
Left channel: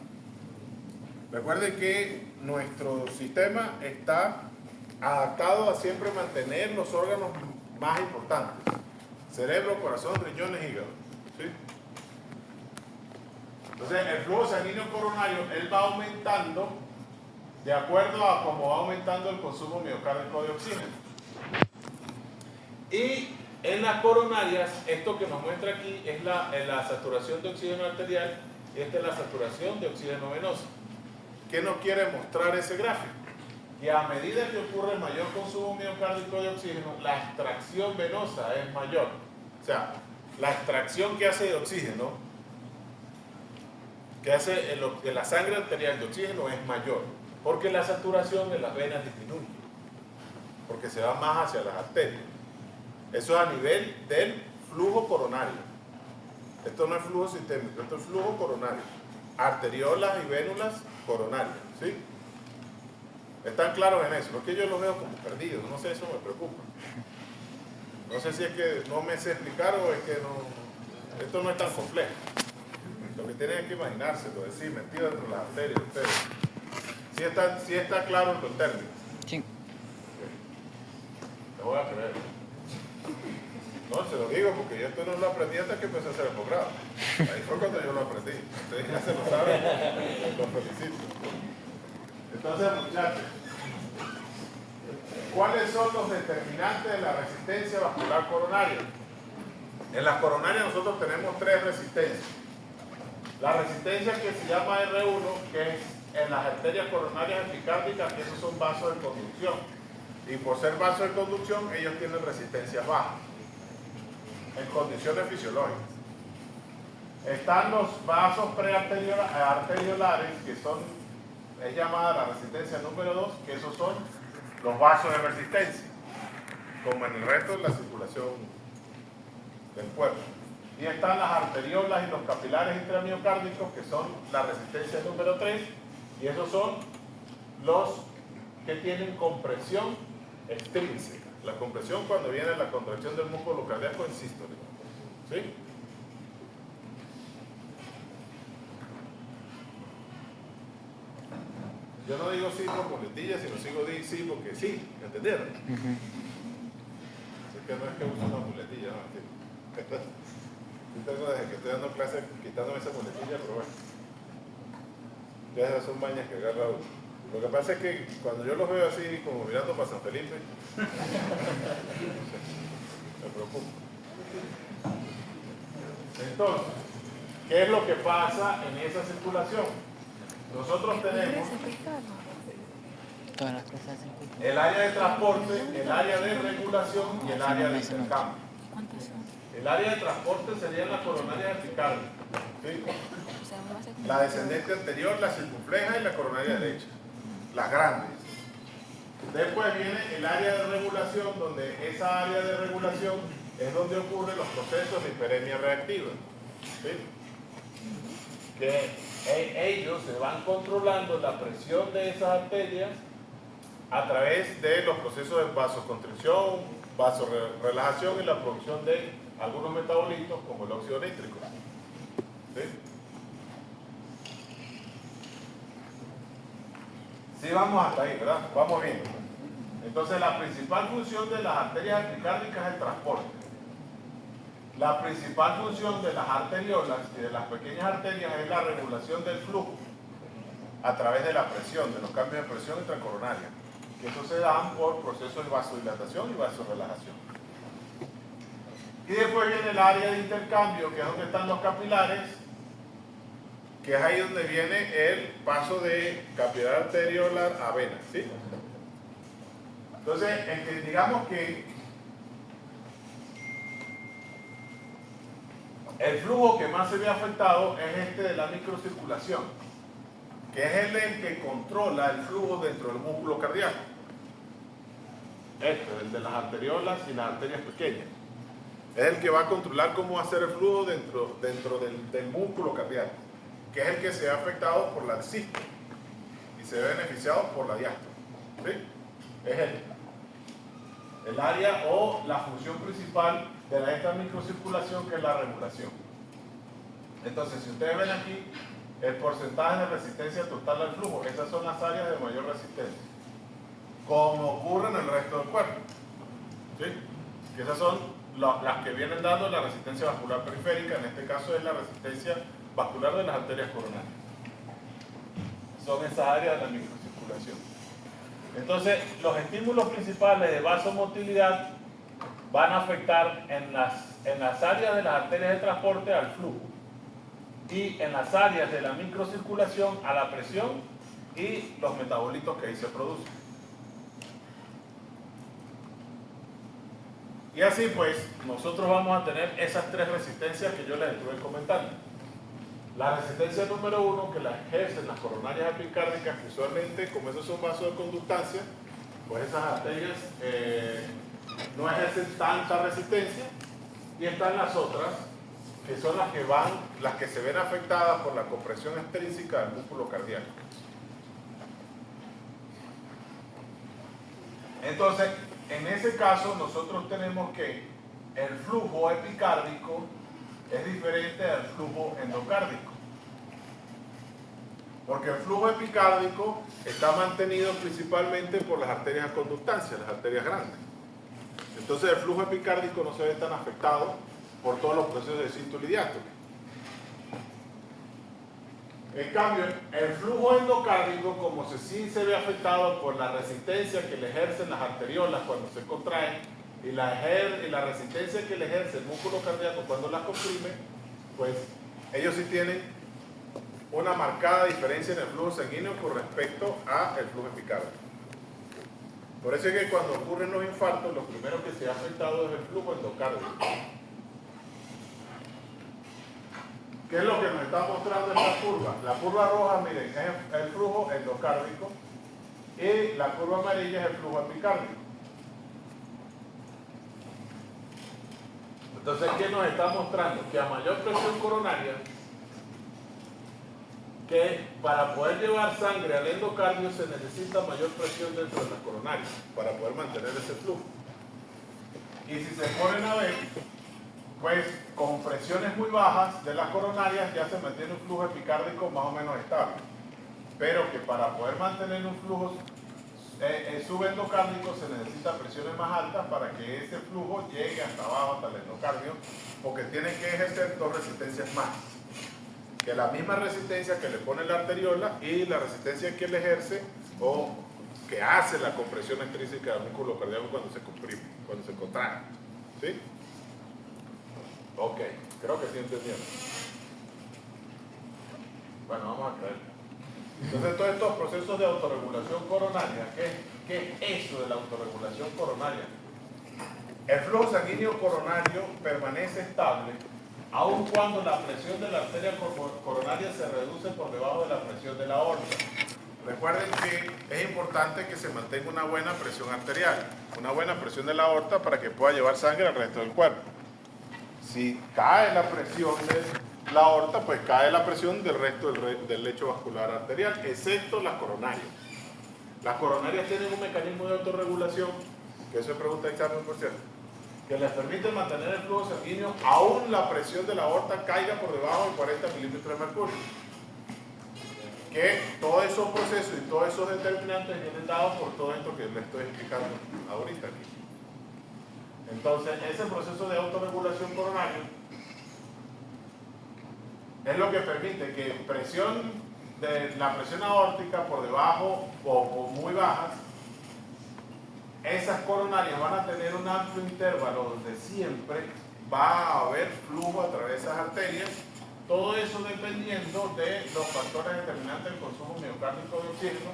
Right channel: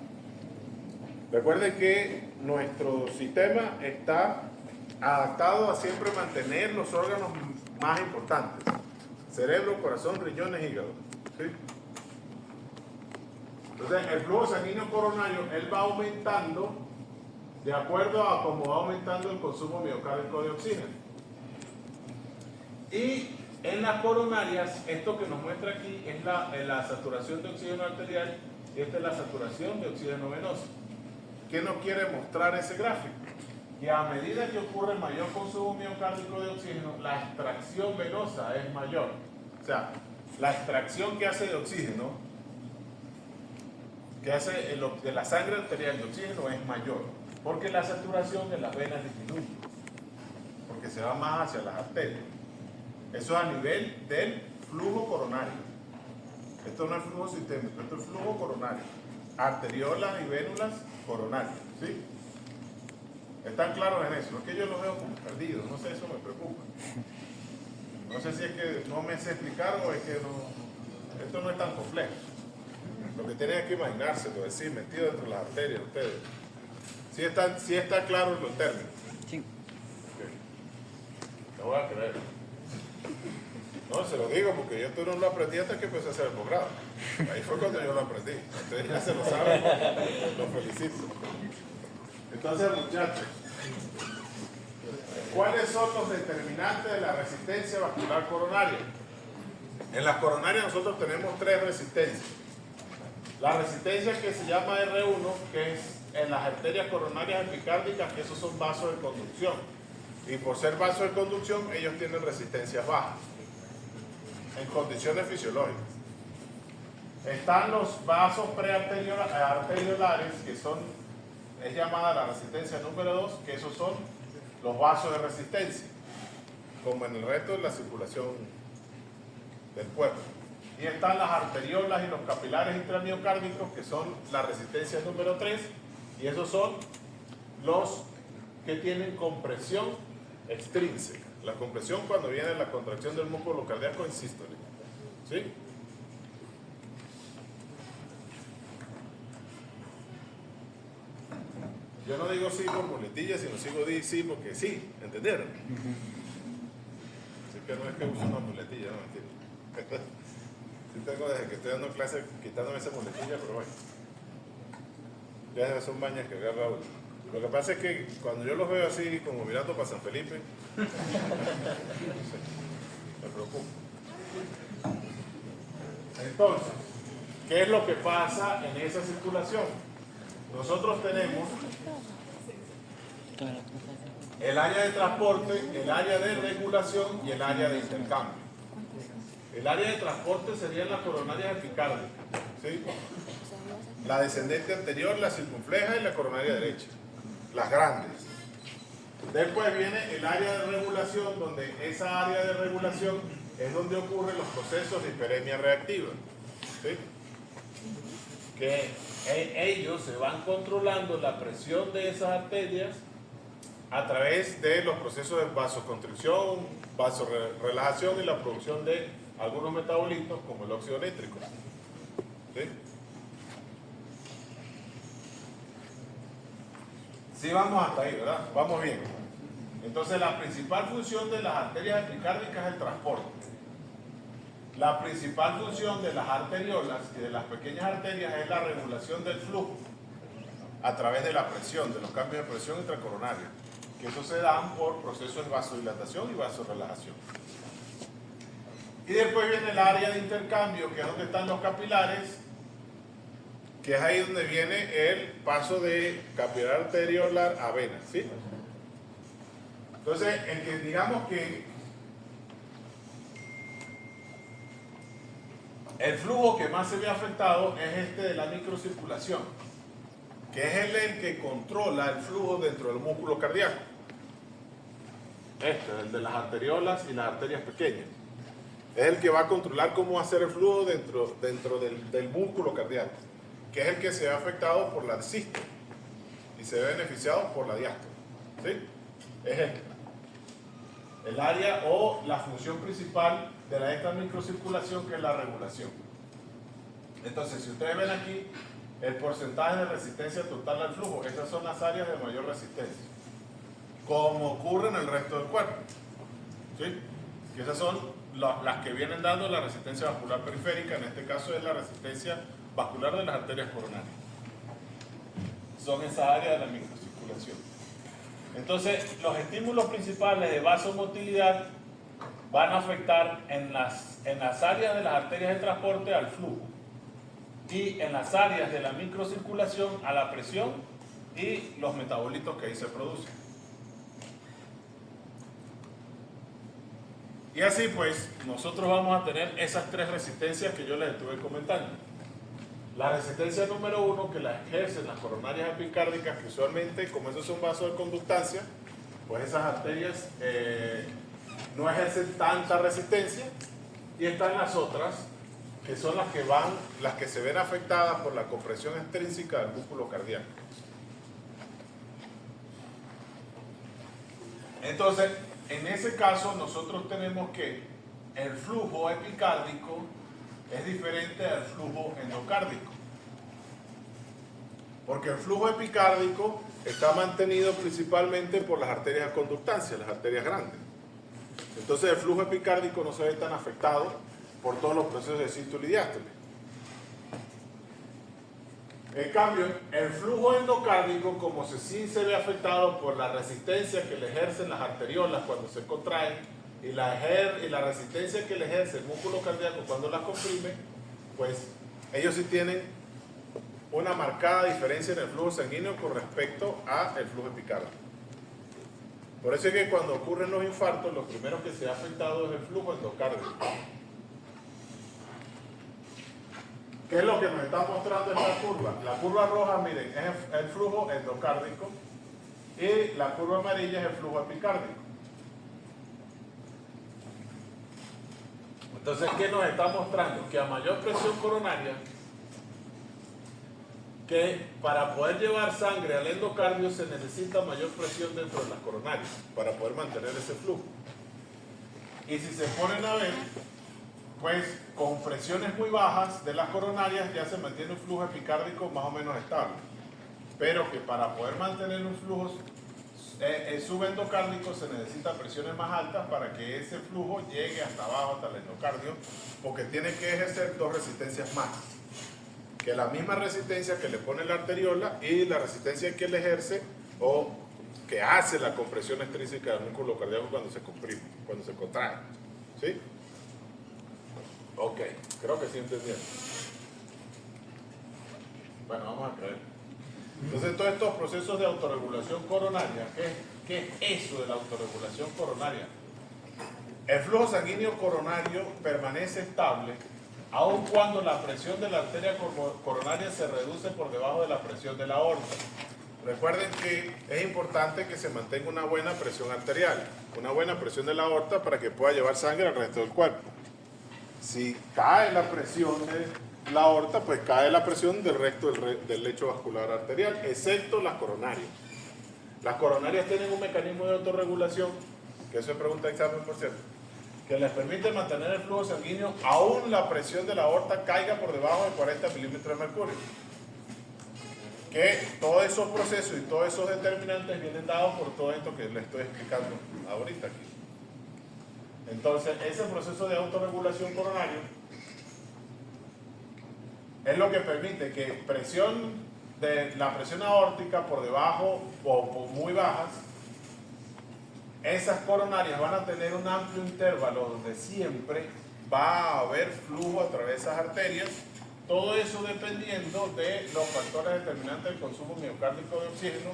Recuerden que nuestro sistema está adaptado a siempre mantener los órganos más importantes: cerebro, corazón, riñones, hígado. ¿Sí? Entonces, el flujo sanguíneo coronario, él va aumentando de acuerdo a cómo va aumentando el consumo miocárdico de oxígeno. Y en las coronarias, esto que nos muestra aquí es la saturación de oxígeno arterial y esta es la saturación de oxígeno venoso. ¿Qué nos quiere mostrar ese gráfico? Que a medida que ocurre el mayor consumo miocárdico de oxígeno, la extracción venosa es mayor. O sea, la extracción que hace de oxígeno, que hace de la sangre arterial de oxígeno es mayor, porque la saturación de las venas disminuye, porque se va más hacia las arterias. Eso es a nivel del flujo coronario. Esto no es flujo sistémico, esto es flujo coronario. Arteriolas y vénulas coronarias, ¿sí? ¿Están claros en eso? No es que yo lo veo como perdido, no sé, eso me preocupa. No sé si es que no me sé explicar o es que no, esto no es tan complejo. Lo que tienen que imaginarse, es decir, metido dentro de las arterias de ustedes. Sí está claro los términos. Sí. Lo voy a creer. No, se lo digo porque yo esto no lo aprendí hasta que empecé a hacer el posgrado. Ahí fue cuando yo lo aprendí. Ustedes ya se lo saben, los felicito. Entonces, muchachos, ¿cuáles son los determinantes de la resistencia vascular coronaria? En las coronarias nosotros tenemos tres resistencias. La resistencia que se llama R1, que es en las arterias coronarias epicárdicas, que esos son vasos de conducción. Y por ser vasos de conducción, ellos tienen resistencias bajas, en condiciones fisiológicas. Están los vasos prearteriolares, que es llamada la resistencia número 2, que esos son los vasos de resistencia, como en el resto de la circulación del cuerpo. Y están las arteriolas y los capilares intramiocárdicos, que son la resistencia número 3, y esos son los que tienen compresión extrínseca. La compresión cuando viene la contracción del músculo cardíaco en sístole. ¿Sí? Yo no digo sí por muletilla, sino sí porque sí, ¿entendieron? Así que no es que uso una muletilla, no entiendo. Yo tengo desde que estoy dando clases quitándome esa muletilla, pero bueno. Ya esas son mañas que agarra uno. Lo que pasa es que cuando yo los veo así, como mirando para San Felipe, me preocupa. Entonces, ¿qué es lo que pasa en esa circulación? Nosotros tenemos Todas las cosas. el área de transporte, el área de regulación y el área de intercambio. El área de transporte sería la coronaria epicárdicas, ¿sí? La descendente anterior, la circunfleja y la coronaria derecha, las grandes. Después viene el área de regulación, donde esa área de regulación es donde ocurren los procesos de hiperemia reactiva, ¿sí? Que ellos se van controlando la presión de esas arterias a través de los procesos de vasoconstricción, vasorelajación y la producción de algunos metabolitos como el óxido nítrico. ¿Sí? Sí, vamos hasta ahí, ¿verdad? Vamos bien. Entonces, la principal función de las arterias epicárdicas es el transporte. La principal función de las arteriolas y de las pequeñas arterias es la regulación del flujo a través de la presión, de los cambios de presión intracoronaria, que eso se dan por procesos de vasodilatación y vasorelajación. Y después viene el área de intercambio, que es donde están los capilares, que es ahí donde viene el paso de capilar arteriolar a vena, ¿sí? Entonces, digamos que el flujo que más se ve afectado es este de la microcirculación, que es el que controla el flujo dentro del músculo cardíaco. Este es el de las arteriolas y las arterias pequeñas. Es el que va a controlar cómo va a ser el flujo dentro del músculo cardíaco, que es el que se ve afectado por la sístole y se ve beneficiado por la diástole. ¿Sí? Es el área o la función principal de esta microcirculación, que es la regulación. Entonces, si ustedes ven aquí el porcentaje de resistencia total al flujo, esas son las áreas de mayor resistencia, como ocurre en el resto del cuerpo. ¿Sí? Que esas son las que vienen dando la resistencia vascular periférica, en este caso es la resistencia vascular de las arterias coronarias. Son esas áreas de la microcirculación. microcirculación. Entonces, los estímulos principales de vasomotilidad van a afectar en las áreas de las arterias de transporte al flujo y en las áreas de la microcirculación a la presión y los metabolitos que ahí se producen. Y así pues, nosotros vamos a tener esas tres resistencias que yo les estuve comentando. La resistencia número 1, que la ejercen las coronarias epicárdicas, que usualmente, como esos son vasos de conductancia, pues esas arterias no ejercen tanta resistencia. Y están las otras, que son las que se ven afectadas por la compresión extrínseca del músculo cardíaco. Entonces, en ese caso, nosotros tenemos que el flujo epicárdico es diferente al flujo endocárdico. Porque el flujo epicárdico está mantenido principalmente por las arterias de conductancia, las arterias grandes. Entonces el flujo epicárdico no se ve tan afectado por todos los procesos de sístole y diástole. En cambio, el flujo endocárdico, como sí se ve afectado por la resistencia que le ejercen las arteriolas cuando se contraen y la resistencia que le ejerce el músculo cardíaco cuando las comprime, pues ellos sí tienen una marcada diferencia en el flujo sanguíneo con respecto al flujo epicárdico. Por eso es que cuando ocurren los infartos, lo primero que se ha afectado es el flujo endocárdico. ¿Qué es lo que nos está mostrando esta curva? La curva roja, miren, es el flujo endocárdico y la curva amarilla es el flujo epicárdico. Entonces, ¿qué nos está mostrando? Que a mayor presión coronaria, que para poder llevar sangre al endocardio se necesita mayor presión dentro de las coronarias para poder mantener ese flujo. Y si se ponen a ver, pues con presiones muy bajas de las coronarias ya se mantiene un flujo epicárdico más o menos estable. Pero que para poder mantener un flujo subendocárdico se necesitan presiones más altas para que ese flujo llegue hasta abajo, hasta el endocardio, porque tiene que ejercer dos resistencias más. Que la misma resistencia que le pone la arteriola y la resistencia que le ejerce o que hace la compresión extrínseca del músculo cardíaco cuando se comprime, cuando se contrae. ¿Sí? Ok, creo que sí entendieron. Bueno, vamos a creer. Entonces, todos estos procesos de autorregulación coronaria, ¿qué es eso de la autorregulación coronaria? El flujo sanguíneo coronario permanece estable aun cuando la presión de la arteria coronaria se reduce por debajo de la presión de la aorta. Recuerden que es importante que se mantenga una buena presión arterial, una buena presión de la aorta para que pueda llevar sangre al resto del cuerpo. Si cae la presión de la aorta, pues cae la presión del resto del lecho vascular arterial, excepto las coronarias. Las coronarias tienen un mecanismo de autorregulación, que eso es pregunta de examen por cierto, que les permite mantener el flujo sanguíneo aún la presión de la aorta caiga por debajo de 40 milímetros de mercurio. Que todos esos procesos y todos esos determinantes vienen dados por todo esto que les estoy explicando ahorita aquí. Entonces, ese proceso de autorregulación coronaria es lo que permite que la presión aórtica por debajo o muy bajas, esas coronarias van a tener un amplio intervalo donde siempre va a haber flujo a través de esas arterias, todo eso dependiendo de los factores determinantes del consumo miocárdico de oxígeno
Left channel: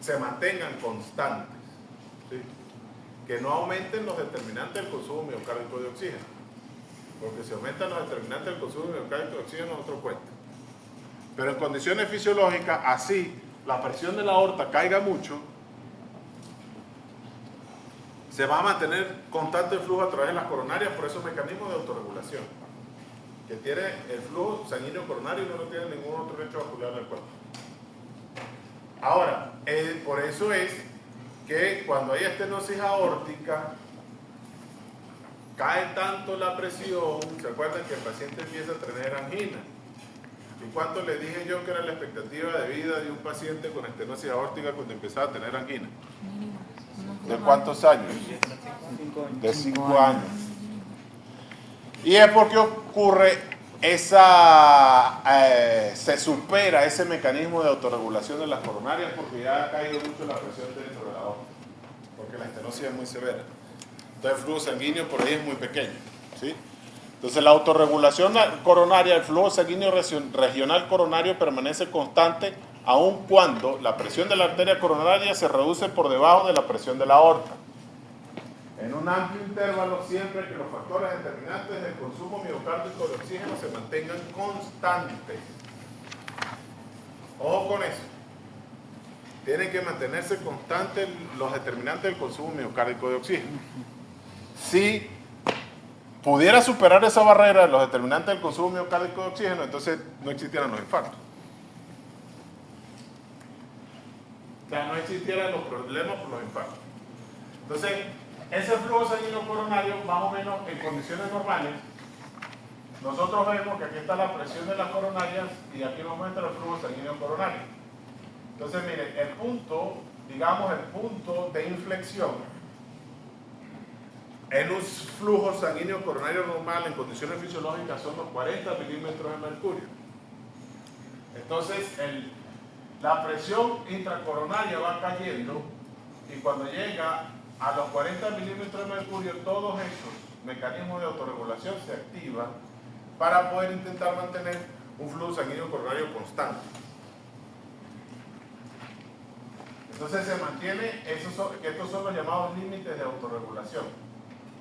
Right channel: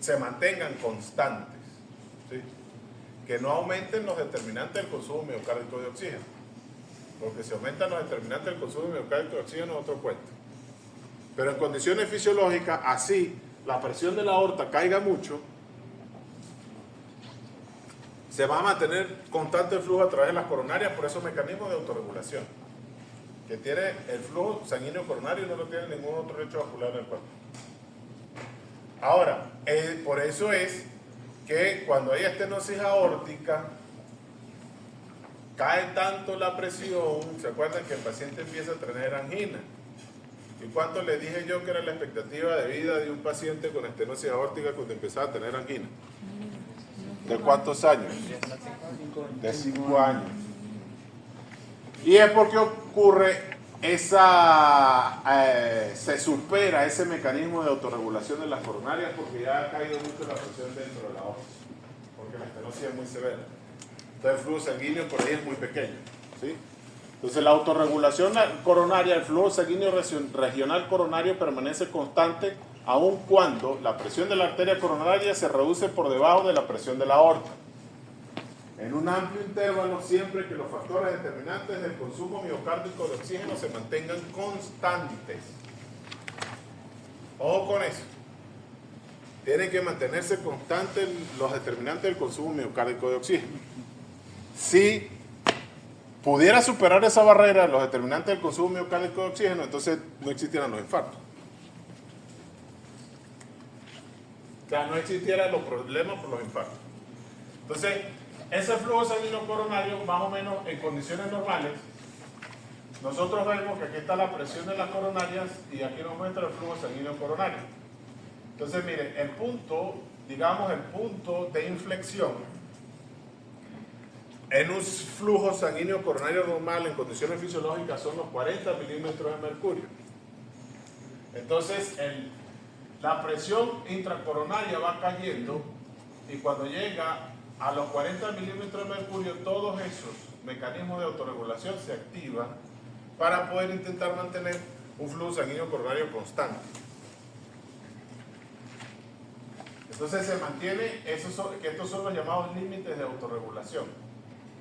se mantengan constantes, ¿sí? Que no aumenten los determinantes del consumo miocárdico de oxígeno, porque si aumentan los determinantes del consumo miocárdico de oxígeno es otro cuento. Pero en condiciones fisiológicas, así la presión de la aorta caiga mucho, se va a mantener constante el flujo a través de las coronarias por esos mecanismos de autorregulación que tiene el flujo sanguíneo coronario y no lo tiene ningún otro lecho vascular en el cuerpo. Ahora, por eso es que cuando hay estenosis aórtica cae tanto la presión, ¿se acuerdan que el paciente empieza a tener angina? ¿Y cuánto le dije yo que era la expectativa de vida de un paciente con estenosis aórtica cuando empezaba a tener angina? ¿De cuántos años? De 5 años. Y es porque ocurre se supera ese mecanismo de autorregulación de las coronarias porque ya ha caído mucho la presión dentro de la aorta, porque la estenosis es muy severa. Entonces el flujo sanguíneo por ahí es muy pequeño, ¿sí? Entonces la autorregulación coronaria, el flujo sanguíneo regional coronario permanece constante aun cuando la presión de la arteria coronaria se reduce por debajo de la presión de la aorta. En un amplio intervalo, siempre que los factores determinantes del consumo miocárdico de oxígeno se mantengan constantes. Ojo con eso. Tienen que mantenerse constantes los determinantes del consumo miocárdico de oxígeno. Si pudiera superar esa barrera, los determinantes del consumo miocárdico de oxígeno, entonces no existieran los infartos. O sea, no existieran los problemas por los infartos. Entonces, ese flujo sanguíneo coronario, más o menos en condiciones normales, nosotros vemos que aquí está la presión de las coronarias y aquí nos muestra el flujo sanguíneo coronario. Entonces, miren, el punto, digamos, el punto de inflexión en un flujo sanguíneo coronario normal en condiciones fisiológicas son los 40 milímetros de mercurio. Entonces, la presión intracoronaria va cayendo y cuando llega a los 40 milímetros de mercurio, todos esos mecanismos de autorregulación se activan para poder intentar mantener un flujo sanguíneo coronario constante. Entonces se mantiene, que estos son los llamados límites de autorregulación.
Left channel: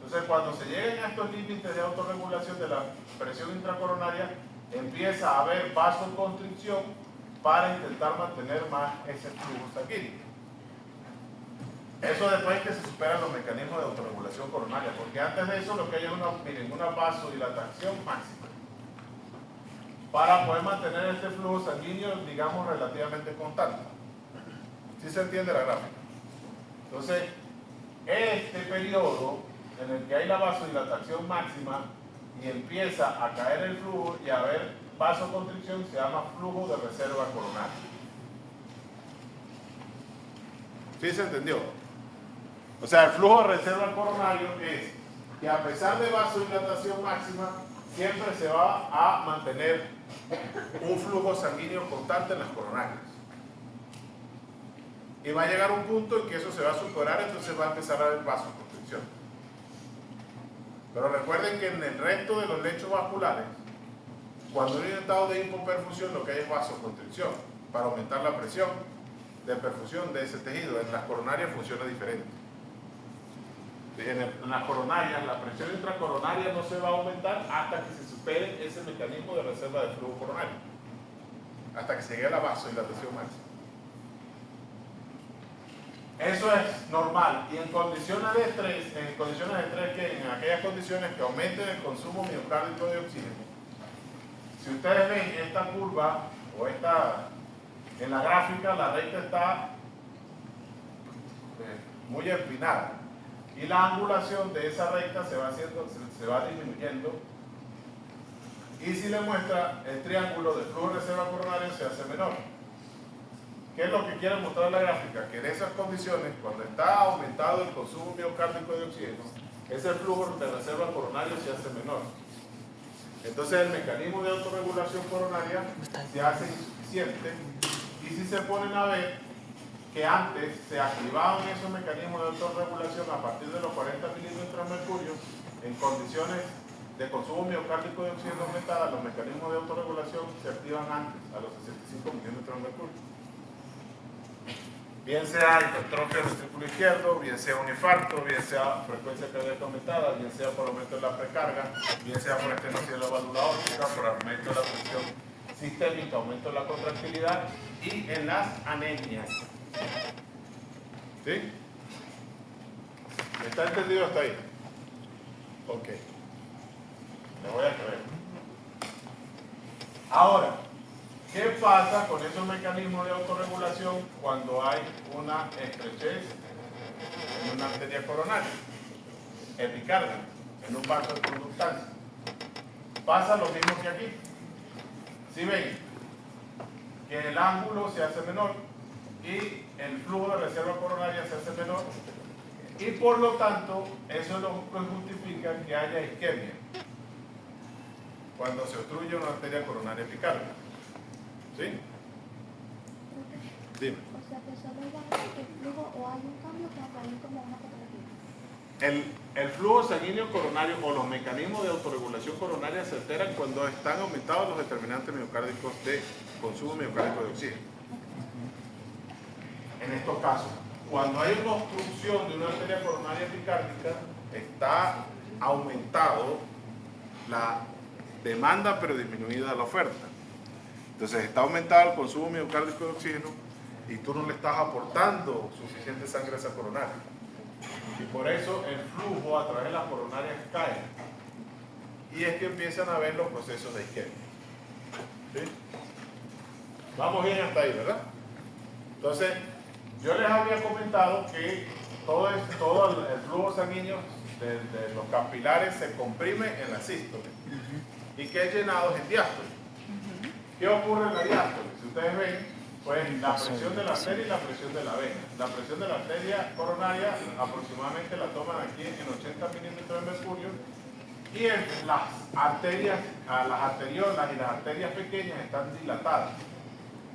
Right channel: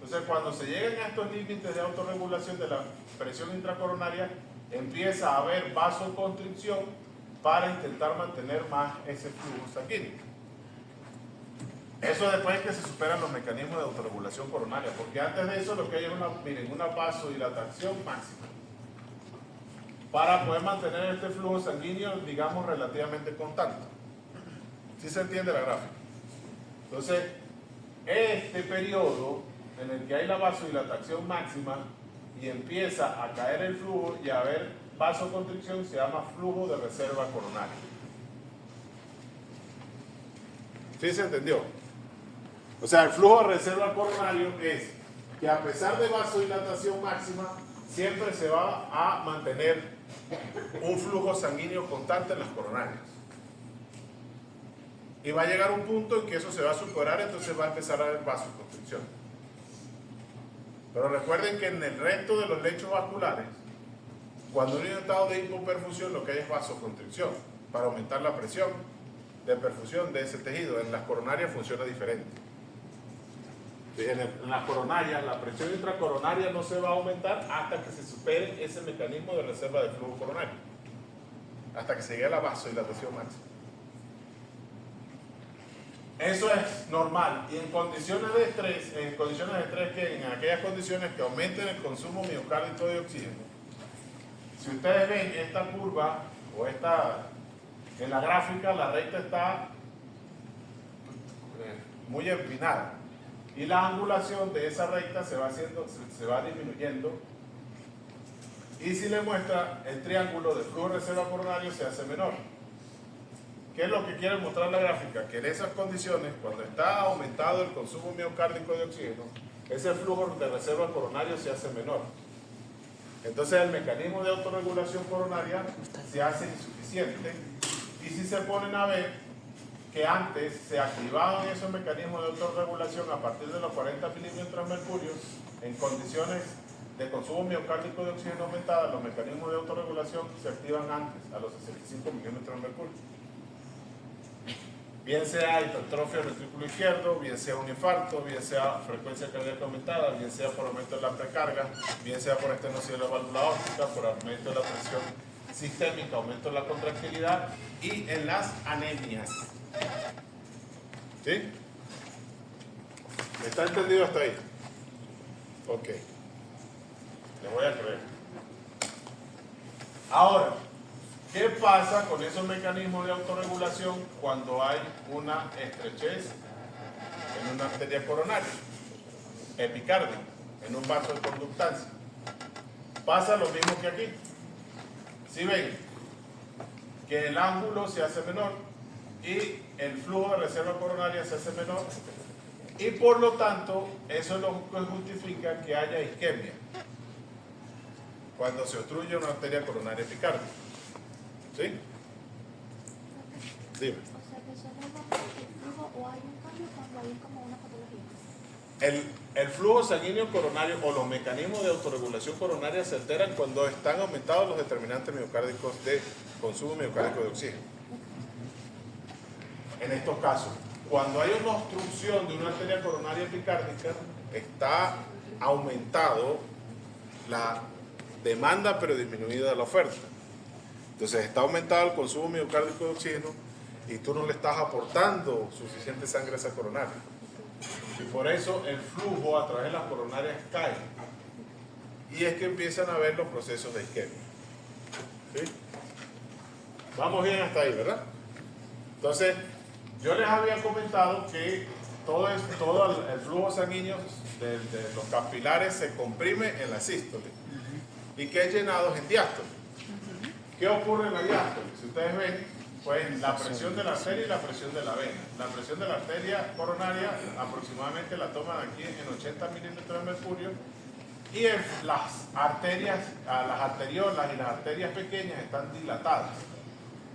Entonces cuando se lleguen a estos límites de autorregulación de la presión intracoronaria, empieza a haber vasoconstricción para intentar mantener más ese flujo sanguíneo. Eso después que se superan los mecanismos de autorregulación coronaria, porque antes de eso lo que hay es una vasodilatación máxima para poder mantener este flujo sanguíneo, digamos, relativamente constante. ¿Sí se entiende la gráfica? Entonces, este periodo en el que hay la vasodilatación máxima y empieza a caer el flujo y a haber vasoconstricción se llama flujo de reserva coronaria. ¿Sí se entendió? O sea, el flujo de reserva coronario es que a pesar de vasodilatación máxima, siempre se va a mantener un flujo sanguíneo constante en las coronarias. Y va a llegar un punto en que eso se va a superar, entonces va a empezar a haber vasoconstricción. Pero recuerden que en el resto de los lechos vasculares, cuando hay un estado de hipoperfusión, lo que hay es vasoconstricción, para aumentar la presión de perfusión de ese tejido. En las coronarias funciona diferente. En las coronarias, la presión intracoronaria no se va a aumentar hasta que se supere ese mecanismo de reserva de flujo coronario, hasta que se llegue a la vasodilatación máxima. Eso es normal. Y en condiciones de estrés, en aquellas condiciones que aumenten el consumo miocárdico de oxígeno, si ustedes ven esta curva o en la gráfica, la recta está muy empinada y la angulación de esa recta se va disminuyendo, y si le muestra el triángulo del flujo de reserva coronario se hace menor. ¿Qué es lo que quiere mostrar la gráfica? Que en esas condiciones, cuando está aumentado el consumo miocárdico de oxígeno, ese flujo de reserva coronario se hace menor. Entonces el mecanismo de autorregulación coronaria se hace insuficiente, y si se ponen a ver que antes se activaban esos mecanismos de autorregulación a partir de los 40 milímetros de mercurio, en condiciones de consumo miocárdico de oxígeno aumentada, los mecanismos de autorregulación se activan antes, a los 65 milímetros de mercurio. Bien sea hipertrofia del ventrículo izquierdo, bien sea un infarto, bien sea frecuencia cardíaca aumentada, bien sea por aumento de la precarga, bien sea por estenosis de la válvula aórtica, por aumento de la presión sistémica, aumento de la contractilidad y en las anemias. ¿Sí? ¿Está entendido hasta ahí? Ok. Le voy a creer. Ahora, ¿qué pasa con esos mecanismos de autorregulación cuando hay una estrechez en una arteria coronaria, epicardia, en un vaso de conductancia? Pasa lo mismo que aquí. Si ven que el ángulo se hace menor y el flujo de reserva coronaria se hace menor, y por lo tanto eso es lo que justifica que haya isquemia. cuando se obstruye una arteria coronaria epicárdica. ¿Sí? Dime. O sea que solo baja el flujo o hay un cambio cuando hay como una patología. El flujo sanguíneo coronario o los mecanismos de autorregulación coronaria se alteran cuando están aumentados los determinantes miocárdicos de consumo miocárdico de oxígeno. En estos casos, cuando hay una obstrucción de una arteria coronaria epicárdica, está aumentado la demanda pero disminuida la oferta. Entonces está aumentado el consumo miocárdico de oxígeno y tú no le estás aportando suficiente sangre a esa coronaria. Y por eso el flujo a través de las coronarias cae. Y es que empiezan a haber los procesos de isquemia. ¿Sí? Vamos bien hasta ahí, ¿verdad? Entonces, yo les había comentado que todo el flujo sanguíneo de los capilares se comprime en la sístole y que es llenado en diástole. ¿Qué ocurre en la diástole? Si ustedes ven, pues la presión de la arteria y la presión de la vena. La presión de la arteria coronaria aproximadamente la toman aquí en 80 mililitros de mercurio y en las arterias, las arteriolas y las arterias pequeñas están dilatadas.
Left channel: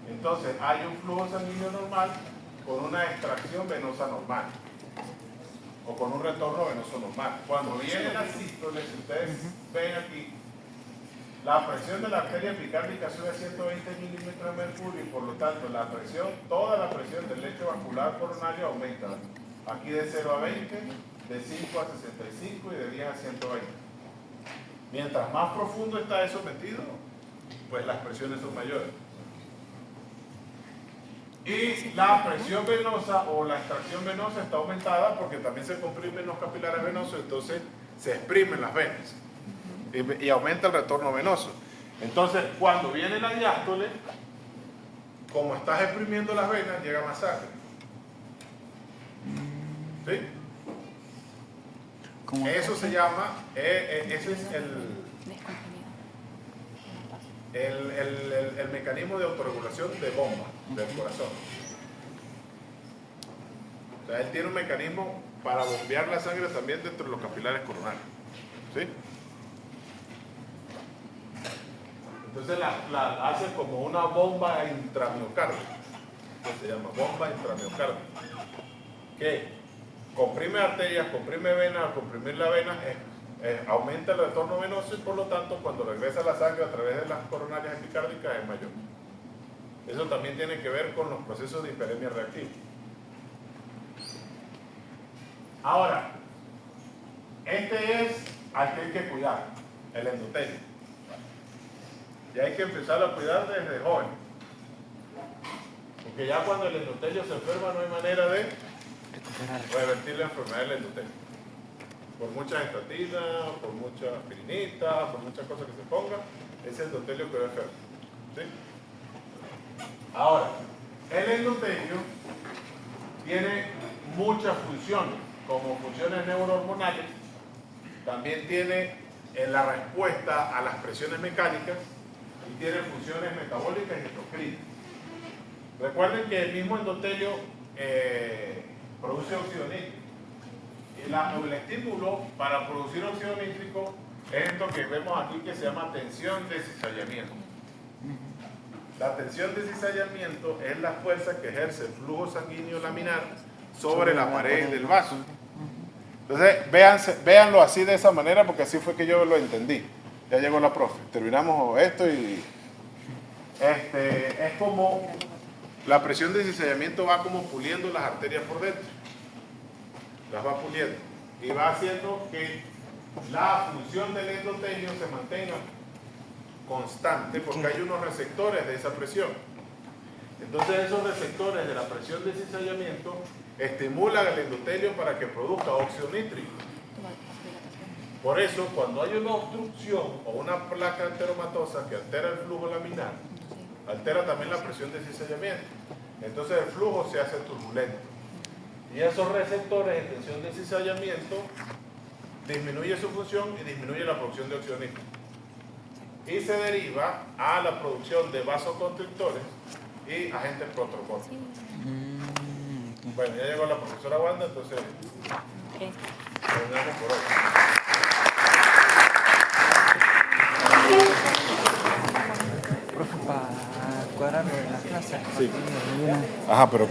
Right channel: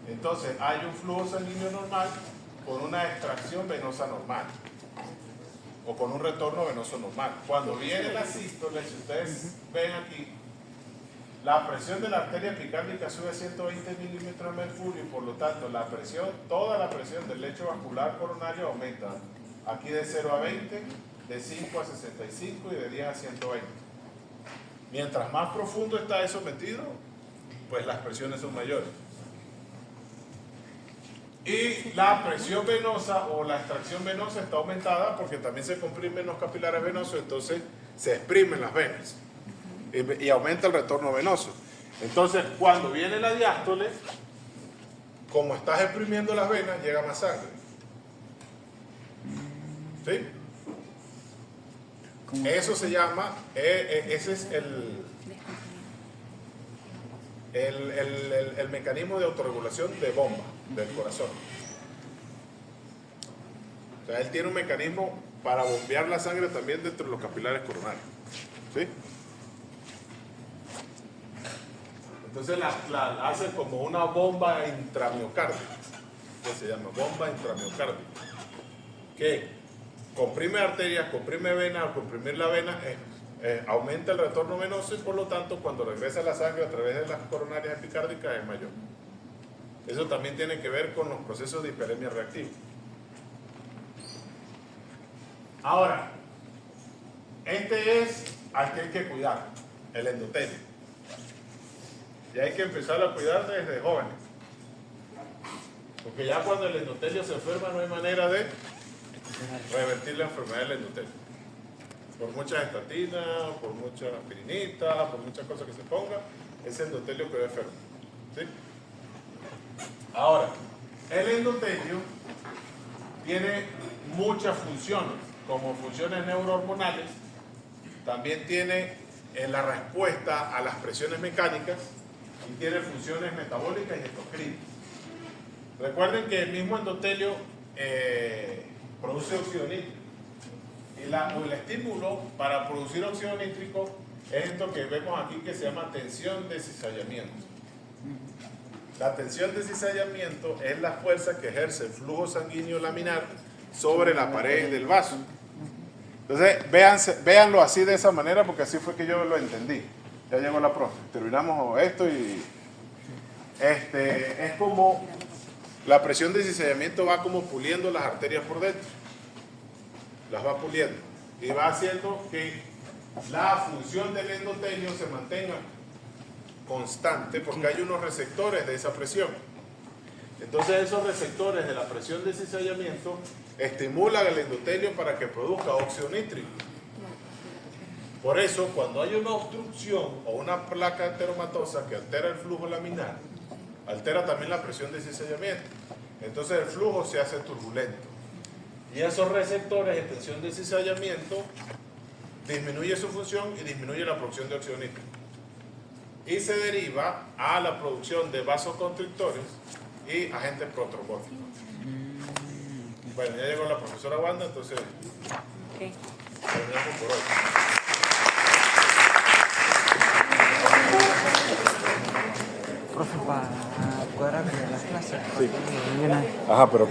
Entonces hay un flujo sanguíneo normal con una extracción venosa normal o con un retorno venoso normal. Cuando viene la sístole, si ustedes ven aquí, la presión de la arteria epicárdica sube a 120 milímetros de mercurio y por lo tanto la presión, toda la presión del lecho vascular coronario aumenta. Aquí de 0 a 20, de 5 a 65 y de 10 a 120. Mientras más profundo está eso metido, pues las presiones son mayores. Y la presión venosa o la extracción venosa está aumentada porque también se comprimen los capilares venosos, entonces se exprimen las venas y aumenta el retorno venoso. Entonces, cuando viene la diástole, como estás exprimiendo las venas, llega más sangre. ¿Sí? Eso se llama, ese es el mecanismo de autorregulación de bomba del corazón. O sea, él tiene un mecanismo para bombear la sangre también dentro de los capilares coronarios. ¿Sí? Entonces la hace como una bomba intramiocárdica, que se llama bomba intramiocárdica, que comprime arterias, comprime venas, al comprimir la vena aumenta el retorno venoso y por lo tanto cuando regresa la sangre a través de las coronarias epicárdicas es mayor. Eso también tiene que ver con los procesos de hiperemia reactiva. Ahora, este es al que hay que cuidar, el endotelio. Y hay que empezar a cuidar desde jóvenes. Porque ya cuando el endotelio se enferma no hay manera de revertir la enfermedad del endotelio. Por muchas estatinas, por mucha aspirinita, por muchas cosas que se ponga, es el endotelio que va enfermo. ¿Sí? Ahora, el endotelio tiene muchas funciones, como funciones neurohormonales, también tiene en la respuesta a las presiones mecánicas y tiene funciones metabólicas y endocrinas. Recuerden que el mismo endotelio produce óxido nítrico. Y el estímulo para producir óxido nítrico es esto que vemos aquí que se llama tensión de cizallamiento. La tensión de cizallamiento es la fuerza que ejerce el flujo sanguíneo laminar sobre la pared del vaso. Entonces, véanlo así de esa manera porque así fue que yo lo entendí. Ya llegó la profe. Terminamos esto y es como la presión de cizallamiento va como puliendo las arterias por dentro. Las va puliendo y va haciendo que la función del endotelio se mantenga constante porque hay unos receptores de esa presión. Entonces esos receptores de la presión de cizallamiento estimulan al endotelio para que produzca óxido nítrico. Por eso cuando hay una obstrucción o una placa anteromatosa que altera el flujo laminar, altera también la presión de cizallamiento. Entonces el flujo se hace turbulento. Y esos receptores de tensión de cizallamiento disminuye su función y disminuye la producción de óxido nítrico. Y se deriva a la producción de vasoconstrictores y agentes protrombóticos. Bueno, ya llegó la profesora Wanda, entonces terminamos por hoy. Profe, para acuérdate de las clases. Sí. para que me den una- Ajá, pero